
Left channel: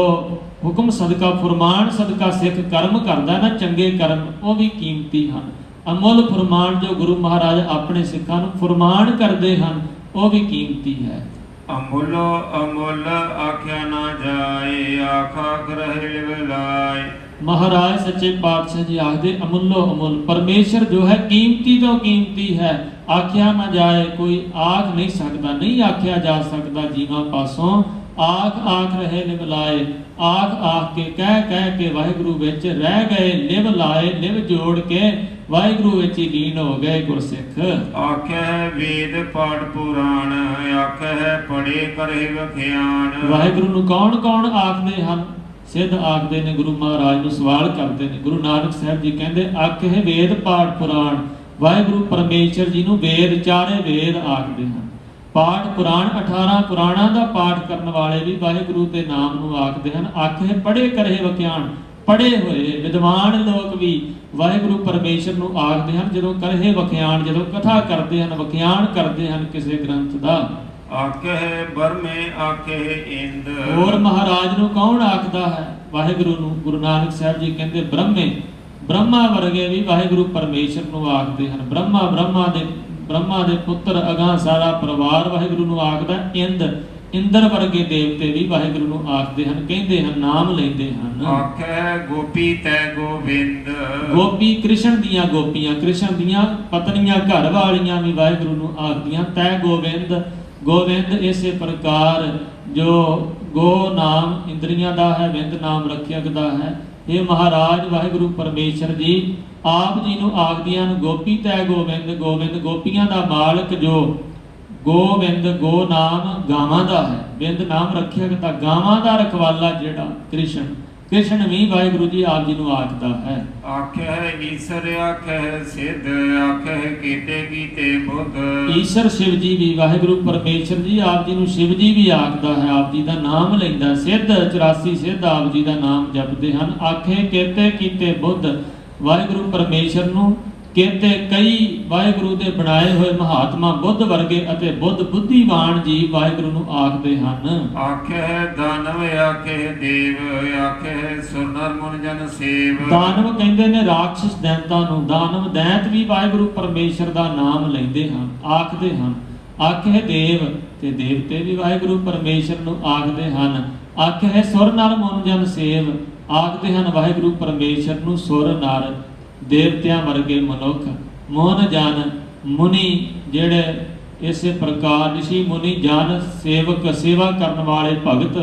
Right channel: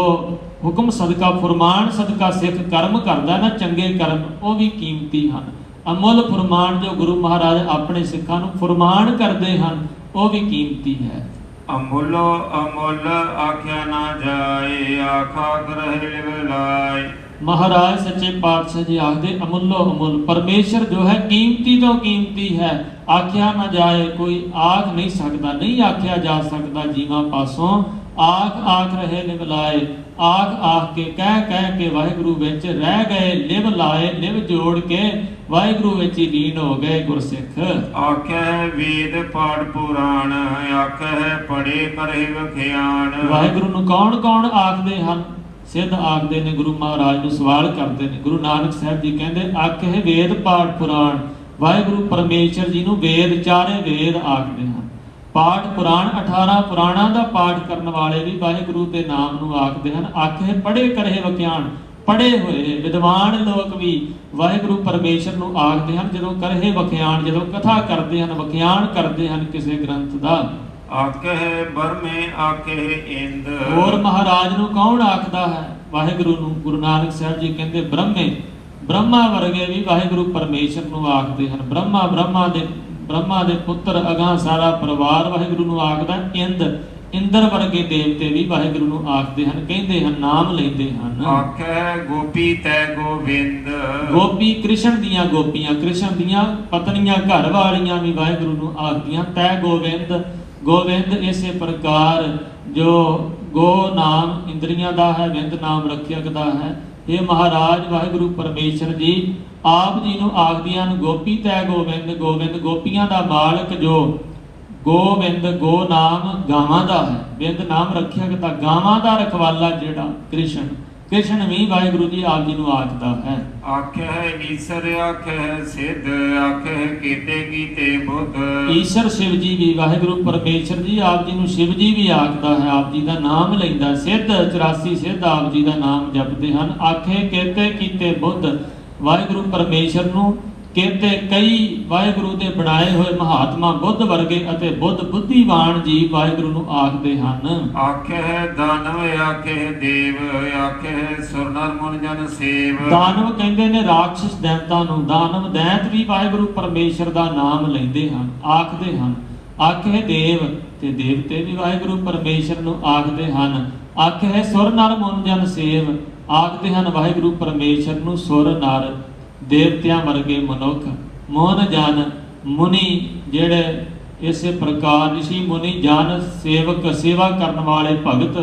ਹੁਕਮ ਸਦਕਾ ਫੁਰਮਾਨ ਸਦਕਾ ਸਿੱਖ ਕਰਮ ਕਰਦਾ ਨਾ, ਚੰਗੇ ਕਰਮ, ਉਹ ਵੀ ਕੀਮਤੀ ਹਨ। ਅਮੁੱਲ ਫੁਰਮਾਨ ਜੋ ਗੁਰੂ ਮਹਾਰਾਜ ਆਪਣੇ ਸਿੱਖਾਂ ਨੂੰ ਫੁਰਮਾਨ ਕਰਦੇ ਹਨ, ਉਹ ਵੀ ਕੀਮਤੀ ਹੈ। ਅਮੁੱਲ ਅਮੁੱਲ ਆਖਿਆ ਨਾ ਜਾਏ, ਆਖਾ ਗ੍ਰਹਿ ਲਿਵ ਲਾਏ। ਮਹਾਰਾਜ ਸੱਚੇ ਪਾਤਸ਼ਾਹ ਜੀ ਆਖਦੇ ਅਮੁੱਲੋ ਅਮੁੱਲ, ਪਰਮੇਸ਼ਰ ਜੋ ਹੈ ਕੀਮਤੀ ਤੋਂ ਕੀਮਤੀ ਹੈ, ਆਖਿਆ ਨਾ ਜਾਏ, ਕੋਈ ਆਖ ਨਹੀਂ ਸਕਦਾ, ਨਹੀਂ ਆਖਿਆ ਜਾ ਸਕਦਾ ਜੀਵਾਂ ਪਾਸੋਂ। ਆਖ ਆਖ ਰਹੇ ਲਿਵ ਲਾਏ, ਆਖ ਆਖ ਕੇ ਕਹਿ ਕੇ ਵਾਹਿਗੁਰੂ ਵਿੱਚ ਰਹਿ ਗਏ, ਲਿਵ ਲਾਏ, ਲਿਵ ਜੋੜ ਕੇ ਵਾਹਿਗੁਰੂ ਵਿੱਚ ਹੀ ਲੀਨ ਹੋ ਗਏ ਗੁਰਸਿੱਖ। ਆਖਿਆ ਵੇਦ ਪਾਠ ਪੁਰਾਣ, ਆਖਿਆ ਪੜੇ ਕਰੇ ਵਖਿਆਣ। ਵਾਹਿਗੁਰੂ ਨੂੰ ਕੌਣ ਕੌਣ ਆਖਦੇ ਹਨ? ਸਿੱਧ ਆਖਦੇ ਨੇ, ਗੁਰੂ ਮਹਾਰਾਜ ਨੂੰ ਸਵਾਲ ਕਰਦੇ ਨੇ। ਗੁਰੂ ਨਾਨਕ ਸਾਹਿਬ ਜੀ ਕਹਿੰਦੇ ਆਖੇ ਵੇਦ ਪਾਠ ਪੁਰਾਣ, ਵਾਹਿਗੁਰੂ ਪਰਮੇਸ਼ਰ ਜੀ ਨੂੰ ਵੇਦ, ਚਾਰੇ ਵੇਦ ਆਖਦੇ ਹਨ। ਪਾਠ ਪੁਰਾਣ 18 ਪੁਰਾਣਾਂ ਦਾ ਪਾਠ ਕਰਨ ਵਾਲੇ ਵੀ ਵਾਹਿਗੁਰੂ ਦੇ ਨਾਮ ਨੂੰ ਆਖਦੇ ਹਨ। ਆਖੇ ਪੜੇ ਕਰੇ ਵਖਿਆਣ, ਪੜੇ ਹੋਏ ਵਿਦਵਾਨ ਲੋਕ ਵੀ ਵਾਹਿਗੁਰੂ ਪਰਮੇਸ਼ਰ ਨੂੰ ਆਖਦੇ ਹਨ ਜਦੋਂ ਕਰੇ ਵਖਿਆਣ, ਜਦੋਂ ਕਥਾ ਕਰਦੇ ਹਨ, ਵਖਿਆਣ ਕਰਦੇ ਹਨ ਕਿਸੇ ਗ੍ਰੰਥ ਦਾ। ਆਖੇ ਬਰਮੇ ਆਖੇ ਇੰਦ, ਹੋਰ ਮਹਾਰਾਜ ਨੂੰ ਕੌਣ ਆਖਦਾ ਹੈ? ਵਾਹਿਗੁਰੂ ਨੂੰ। ਗੁਰੂ ਨਾਨਕ ਸਾਹਿਬ ਜੀ ਕਹਿੰਦੇ ਬ੍ਰਹਮੇ, ਬ੍ਰਹਮਾ ਵਰਗੇ ਵੀ ਵਾਹਿਗੁਰੂ ਪਰਮੇਸ਼ਰ ਨੂੰ ਆਖਦੇ ਹਨ। ਬ੍ਰਹਮਾ ਦੇ ਪੁੱਤਰ ਅਗਾਂਹ ਸਾਰਾ ਪਰਿਵਾਰ ਵਾਹਿਗੁਰੂ ਨੂੰ ਆਖਦਾ। ਇੰਦਰ ਵਰਗੇ ਦੇਵਤੇ ਵੀ ਵਾਹਿਗੁਰੂ ਨੂੰ ਆਖਦੇ ਹਨ, ਕਹਿੰਦੇ ਹਨ, ਨਾਮ ਲੈਂਦੇ ਹਨ। ਆਖੇ ਗੋਪੀ ਤੈ ਗੋਬਿੰਦ, ਗੋਪੀ ਕ੍ਰਿਸ਼ਨ ਦੀਆਂ ਗੋਪੀਆਂ, ਕ੍ਰਿਸ਼ਨ ਦੀਆਂ ਪਤਨੀਆਂ ਘਰ ਵਾਲੀਆਂ ਵੀ ਵਾਹਿਗੁਰੂ ਨੂੰ ਆਖਦੀਆਂ। ਤੈ ਗੋਬਿੰਦ, ਗੋਬਿੰਦ ਇਸੇ ਪ੍ਰਕਾਰ ਜੋ ਗੋ ਨਾਮ ਇੰਦਰੀਆਂ ਦਾ ਹੈ, ਵਿੰਦ ਨਾਮ ਰੱਖਿਅਕ ਦਾ ਹੈ। ਇਹ ਮਹਾਰਾਜ ਵਾਹਿਗੁਰੂ ਪਰਮੇਸ਼ਰ ਜੀ ਆਪ ਜੀ ਨੂੰ ਆਖਦੀਆਂ ਹਨ ਗੋਪੀ ਤੈ ਗੋਬਿੰਦ, ਗੋਬਿੰਦ ਗੋਪੀਆਂ ਦਾ ਮਾਲਕ ਜੋ ਗੋਬਿੰਦ, ਗੋ ਨਾਮ ਗਾਵਾਂ ਦਾ ਹੈ, ਬਿੰਦ ਨਾਮ ਰੱਖਿਅਕ ਦਾ ਗਾਵਾਂ ਦਾ ਰਖਵਾਲਾ ਜਿਹੜਾ ਕ੍ਰਿਸ਼ਨ, ਕ੍ਰਿਸ਼ਨ ਵੀ ਵਾਹਿਗੁਰੂ ਜੀ ਆਪ ਜੀ ਨੂੰ ਆਖਦਾ ਹੈ। ਆਖਿਆ ਈਸ਼ਰ, ਆਖਿਆ ਸਿੱਧ, ਆਖਿਆ ਕੀਤੇ ਕੀਤੇ ਬੁੱਧ। ਈਸ਼ਰ ਸ਼ਿਵ ਜੀ ਵੀ ਵਾਹਿਗੁਰੂ ਪਰਮੇਸ਼ਰ ਜੀ ਆਪ ਜੀ ਨੂੰ ਸ਼ਿਵ ਜੀ ਵੀ ਆਖਦਾ ਹੈ, ਆਪ ਜੀ ਦਾ ਨਾਮ ਲੈਂਦਾ। ਸਿੱਧ 84 ਸਿੱਧ ਆਪ ਜੀ ਦਾ ਨਾਮ ਜਪਦੇ ਹਨ। ਆਖੇ ਕੀਤੇ ਕੀਤੇ ਬੁੱਧ, ਵਾਹਿਗੁਰੂ ਪਰਮੇਸ਼ਰ ਨੂੰ ਕਹਿੰਦੇ ਕਈ ਵਾਹਿਗੁਰੂ ਦੇ ਬਣਾਏ ਹੋਏ ਮਹਾਤਮਾ ਬੁੱਧ ਵਰਗੇ ਅਤੇ ਬੁੱਧ ਬੁੱਧੀਵਾਨ ਜੀ ਵਾਹਿਗੁਰੂ ਨੂੰ ਆਖਦੇ ਹਨ। ਆਖੇ ਦਾਨਵ, ਆਖੇ ਦੇਵ, ਆਖੇ ਸੁਰਨਰ ਮੁਨ ਜਨ ਸੇਵ। ਦਾਨਵ ਕਹਿੰਦੇ ਨੇ ਰਾਖਸ਼ ਦੈਂਤਾਂ ਨੂੰ, ਦਾਨਵ ਦੈਂਤ ਵੀ ਵਾਹਿਗੁਰੂ ਪਰਮੇਸ਼ਰ ਦਾ ਨਾਮ ਲੈਂਦੇ ਹਨ, ਆਖਦੇ ਹਨ। ਆਖੇ ਦੇਵ ਤੇ ਦੇਵਤੇ ਵੀ ਵਾਹਿਗੁਰੂ ਪਰਮੇਸ਼ਰ ਨੂੰ ਆਖਦੇ ਹਨ। ਆਖੇ ਸੁਰ ਨਰ ਮੁਨ ਜਨ ਸੇਵ, ਆਖਦੇ ਹਨ ਵਾਹਿਗੁਰੂ ਪਰਮੇਸ਼ਰ ਨੂੰ ਸੁਰ ਨਰ ਦੇਵਤਿਆਂ ਵਰਗੇ ਮਨੁੱਖ, ਮੋਨ ਜਨ ਮੁਨੀ ਜਿਹੜੇ ਇਸੇ ਪ੍ਰਕਾਰ ਰਿਸ਼ੀ ਮੁਨੀ ਜਨ ਸੇਵਕ, ਸੇਵਾ ਕਰਨ ਵਾਲੇ ਭਗਤ,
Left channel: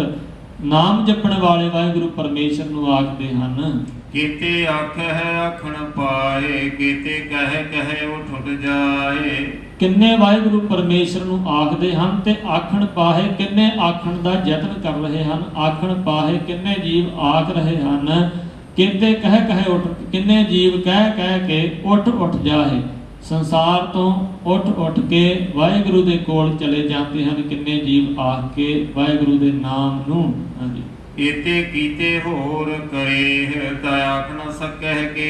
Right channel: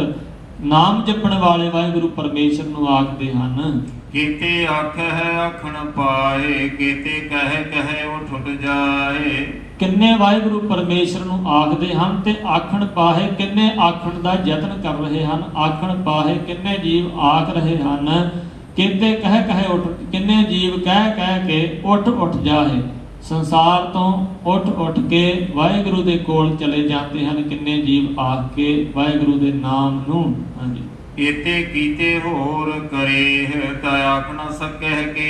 ਨਾਮ ਜਪਣ ਵਾਲੇ ਵਾਹਿਗੁਰੂ ਪਰਮੇਸ਼ਰ ਨੂੰ ਆਖਦੇ ਹਨ। ਕੀਤੇ ਆਖੈ ਆਖਣ ਪਾਏ, ਕੀਤੇ ਕਹਿ ਉਠ ਉਠ ਜਾਏ। ਕਿੰਨੇ ਵਾਹਿਗੁਰੂ ਪਰਮੇਸ਼ਰ ਨੂੰ ਆਖਦੇ ਹਨ ਤੇ ਆਖਣ ਪਾਹੇ ਕਿੰਨੇ ਆਖਣ ਦਾ ਯਤਨ ਕਰ ਰਹੇ ਹਨ। ਆਖਣ ਪਾਹੇ ਕਿੰਨੇ ਜੀਵ ਆਖ ਰਹੇ ਹਨ। ਕਿਤੇ ਕਹਿ ਉਠ, ਕਿੰਨੇ ਜੀਵ ਕਹਿ ਕੇ ਉੱਠ ਜਾਏ। ਸੰਸਾਰ ਤੋਂ ਉੱਠ ਕੇ ਵਾਹਿਗੁਰੂ ਦੇ ਕੋਲ ਚਲੇ ਜਾਂਦੇ ਹਨ। ਕਿੰਨੇ ਜੀਵ ਆਖ ਕੇ ਵਾਹਿਗੁਰੂ ਦੇ ਨਾਮ ਨੂੰ। ਹਾਂਜੀ, ਕੀਤੇ ਕੀਤੇ ਹੋਰ ਕਰੇ, ਤਾਂ ਆਖ ਨਾ ਸਕੈ ਕੇ।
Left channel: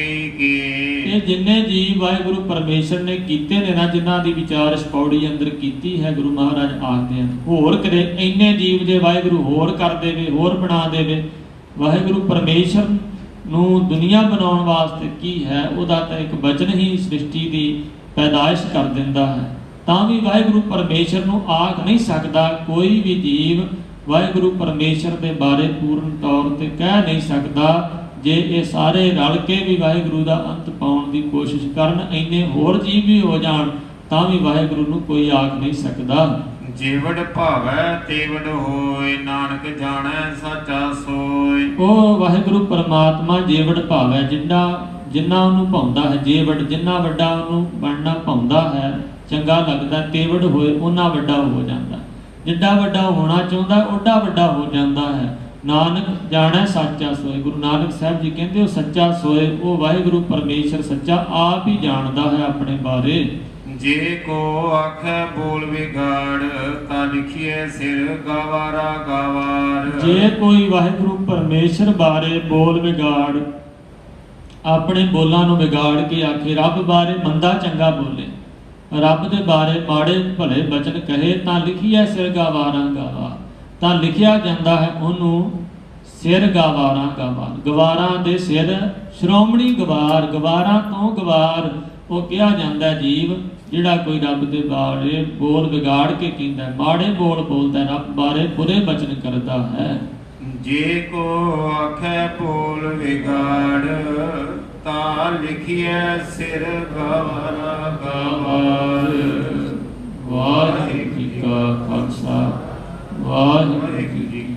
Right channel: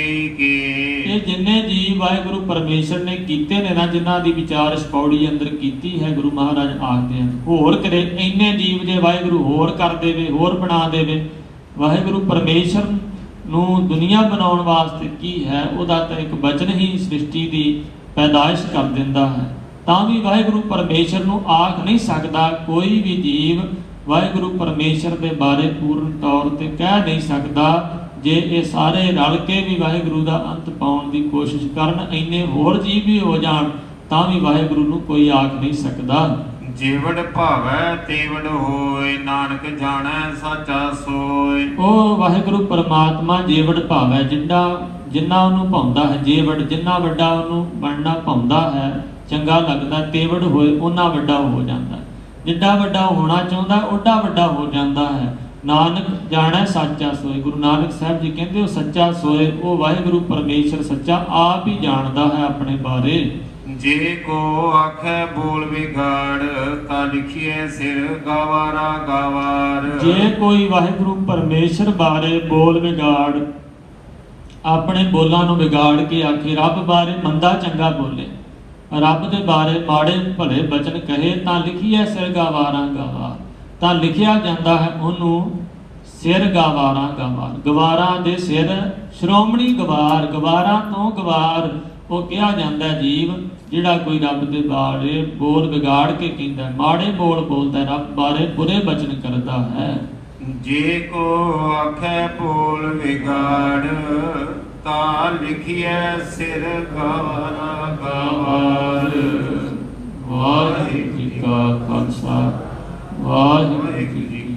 ਇਹ ਜਿੰਨੇ ਜੀਵ ਵਾਹਿਗੁਰੂ ਪਰਮੇਸ਼ਰ ਨੇ ਕੀਤੇ ਨੇ ਨਾ, ਜਿਨ੍ਹਾਂ ਦੀ ਵਿਚਾਰ ਪੌੜੀ ਅੰਦਰ ਕੀਤੀ ਹੈ, ਗੁਰੂ ਮਹਾਰਾਜ ਆਖਦੇ ਹਨ ਹੋਰ ਕਰੇ। ਇੰਨੇ ਜੀਵ ਦੇ ਵਾਹਿਗੁਰੂ ਹੋਰ ਕਰ ਦੇਵੇ, ਹੋਰ ਬਣਾ ਦੇਵੇ। ਵਾਹਿਗੁਰੂ ਪਰਮੇਸ਼ਰ ਨੂੰ ਦੁਨੀਆ ਬਣਾਉਣ ਵਾਸਤੇ ਕੀ ਹੈ, ਉਹਦਾ ਤਾਂ ਇੱਕ ਵਚਨ ਹੀ ਸ੍ਰਿਸ਼ਟੀ ਦੀ ਪੈਦਾਇਸ਼ ਕਰ ਦਿੰਦਾ ਹੈ। ਤਾਂ ਵੀ ਵਾਹਿਗੁਰੂ ਪਰਮੇਸ਼ਰ ਨੂੰ ਆਖ ਨਹੀਂ ਸਕਦਾ ਕੋਈ ਵੀ ਜੀਵ ਵਾਹਿਗੁਰੂ ਪਰਮੇਸ਼ਰ ਦੇ ਬਾਰੇ ਪੂਰਨ ਤੌਰ ਤੇ ਕਹਿ ਨਹੀਂ ਸਕਦਾ। ਜੇ ਇਹ ਸਾਰੇ ਰਲ ਕੇ ਵੀ ਵਾਹਿਗੁਰੂ ਦਾ ਅੰਤ ਪਾਉਣ ਦੀ ਕੋਸ਼ਿਸ਼ ਕਰਨ, ਇੰਨੇ ਹੋਰ ਜੀਵ ਵੀ ਹੋ ਜਾਣ, ਤਾਂ ਵੀ ਵਾਹਿਗੁਰੂ ਨੂੰ ਕੋਈ ਆਖ ਨਹੀਂ ਸਕਦਾ। ਜੀਵੜ ਭਾਵੈ ਤੇਵੜ ਹੋਏ, ਨਾਨਕ ਜਾਣੈ ਸਾਚਾ ਸੋਏ। ਉਹ ਵਾਹਿਗੁਰੂ ਪਰਮਾਤਮਾ ਜੀਵੜ ਭਾਵੈ, ਜਿੰਨਾ ਉਹਨੂੰ ਭਾਉਂਦਾ ਹੈ, ਜੀਵੜ ਜਿੰਨਾ ਵੱਡਾ ਉਹਨੂੰ ਬਣਨਾ ਭਾਉਂਦਾ ਹੈ, ਚੰਗਾ ਲੱਗਦਾ, ਤੇਵੜ ਹੋਏ ਉਹਨਾਂ ਵੱਡਾ ਹੋ ਜਾਂਦਾ ਹੈ। ਜਿੱਡਾ ਵੱਡਾ ਹੋਣਾ ਚਾਹੁੰਦਾ ਓਡਾ ਵੱਡਾ ਹੋ ਜਾਂਦਾ ਹੈ। ਨਾਨਕ ਜਾਣੈ ਸਾਚਾ ਸੋਏ, ਗੁਰੂ ਨਾਨਕ ਸਾਹਿਬ ਜੀ ਕਹਿੰਦੇ ਉਹ ਸੱਚਾ ਸੋਏ, ਉਹ ਵਾਹਿਗੁਰੂ ਪਰਮੇਸ਼ਰ ਸੱਚਾ ਆਪ ਹੀ ਜਾਣਦਾ ਹੈ ਆਪਣੇ ਬਾਰੇ। ਜੇ ਕੋ ਆਖੈ ਬੋਲ ਵਿਗਾੜ, ਤਾਂ ਲਿਖੀਏ ਸਿਰ ਗਵਾਰਾ ਗਵਾਰ। ਜੇ ਕੋਈ ਵਾਹਿਗੁਰੂ ਪਰਮੇਸ਼ਰ ਬਾਰੇ ਬੋਲ ਵਿਗਾੜ, ਆਪਣੇ ਬੋਲਾਂ ਨੂੰ ਵਿਗਾੜ ਕੇ ਆਖੇ, ਰੱਬ ਬਾਰੇ ਮੰਦਾ ਚੰਗਾ ਬੋਲੇ, ਰੱਬ ਦੇ ਬਾਰੇ ਮਾੜੇ ਭਲੇ ਬਚਨ ਕਹੇ, ਤਾਂ ਲਿਖੀਐ ਸਿਰ ਗਵਾਰਾ ਗਵਾਰ, ਤਾਂ ਲਿਖਿਆ ਜਾਂਦਾ ਹੈ ਉਹਨੂੰ ਸਿਰ ਗਵਾਰਾ ਗਵਾਰ। ਗਵਾਰਾਂ ਦੇ ਸਿਰ ਸ਼੍ਰੋਮਣੀ ਗਵਾਰ, ਗਵਾਰਾਂ ਤੋਂ ਗਵਾਰ ਉਹ ਕਿਹਾ ਜਾਂਦਾ ਜੀਵ ਜਿਹੜਾ ਕੋਈ ਰੱਬ ਦੇ ਬਾਰੇ ਬੋਲ ਵਿਗਾੜ ਕੇ ਕਹਿੰਦਾ, ਮਾੜੇ ਬੋਲ ਬੋਲਦਾ, ਰੱਬ ਬਾਰੇ ਬੁਰੇ ਬਚਨ ਕਰਦਾ ਹੈ। ਜੇ ਕੋ ਆਖੈ ਬੋਲ ਵਿਗਾੜ, ਤਾਂ ਲਿਖੀਐ ਸਿਰ ਗਵਾਰਾ ਗਵਾਰ। ਵਾਹਿਗੁਰੂ ਜੀ ਕਾ ਖਾਲਸਾ, ਵਾਹਿਗੁਰੂ ਜੀ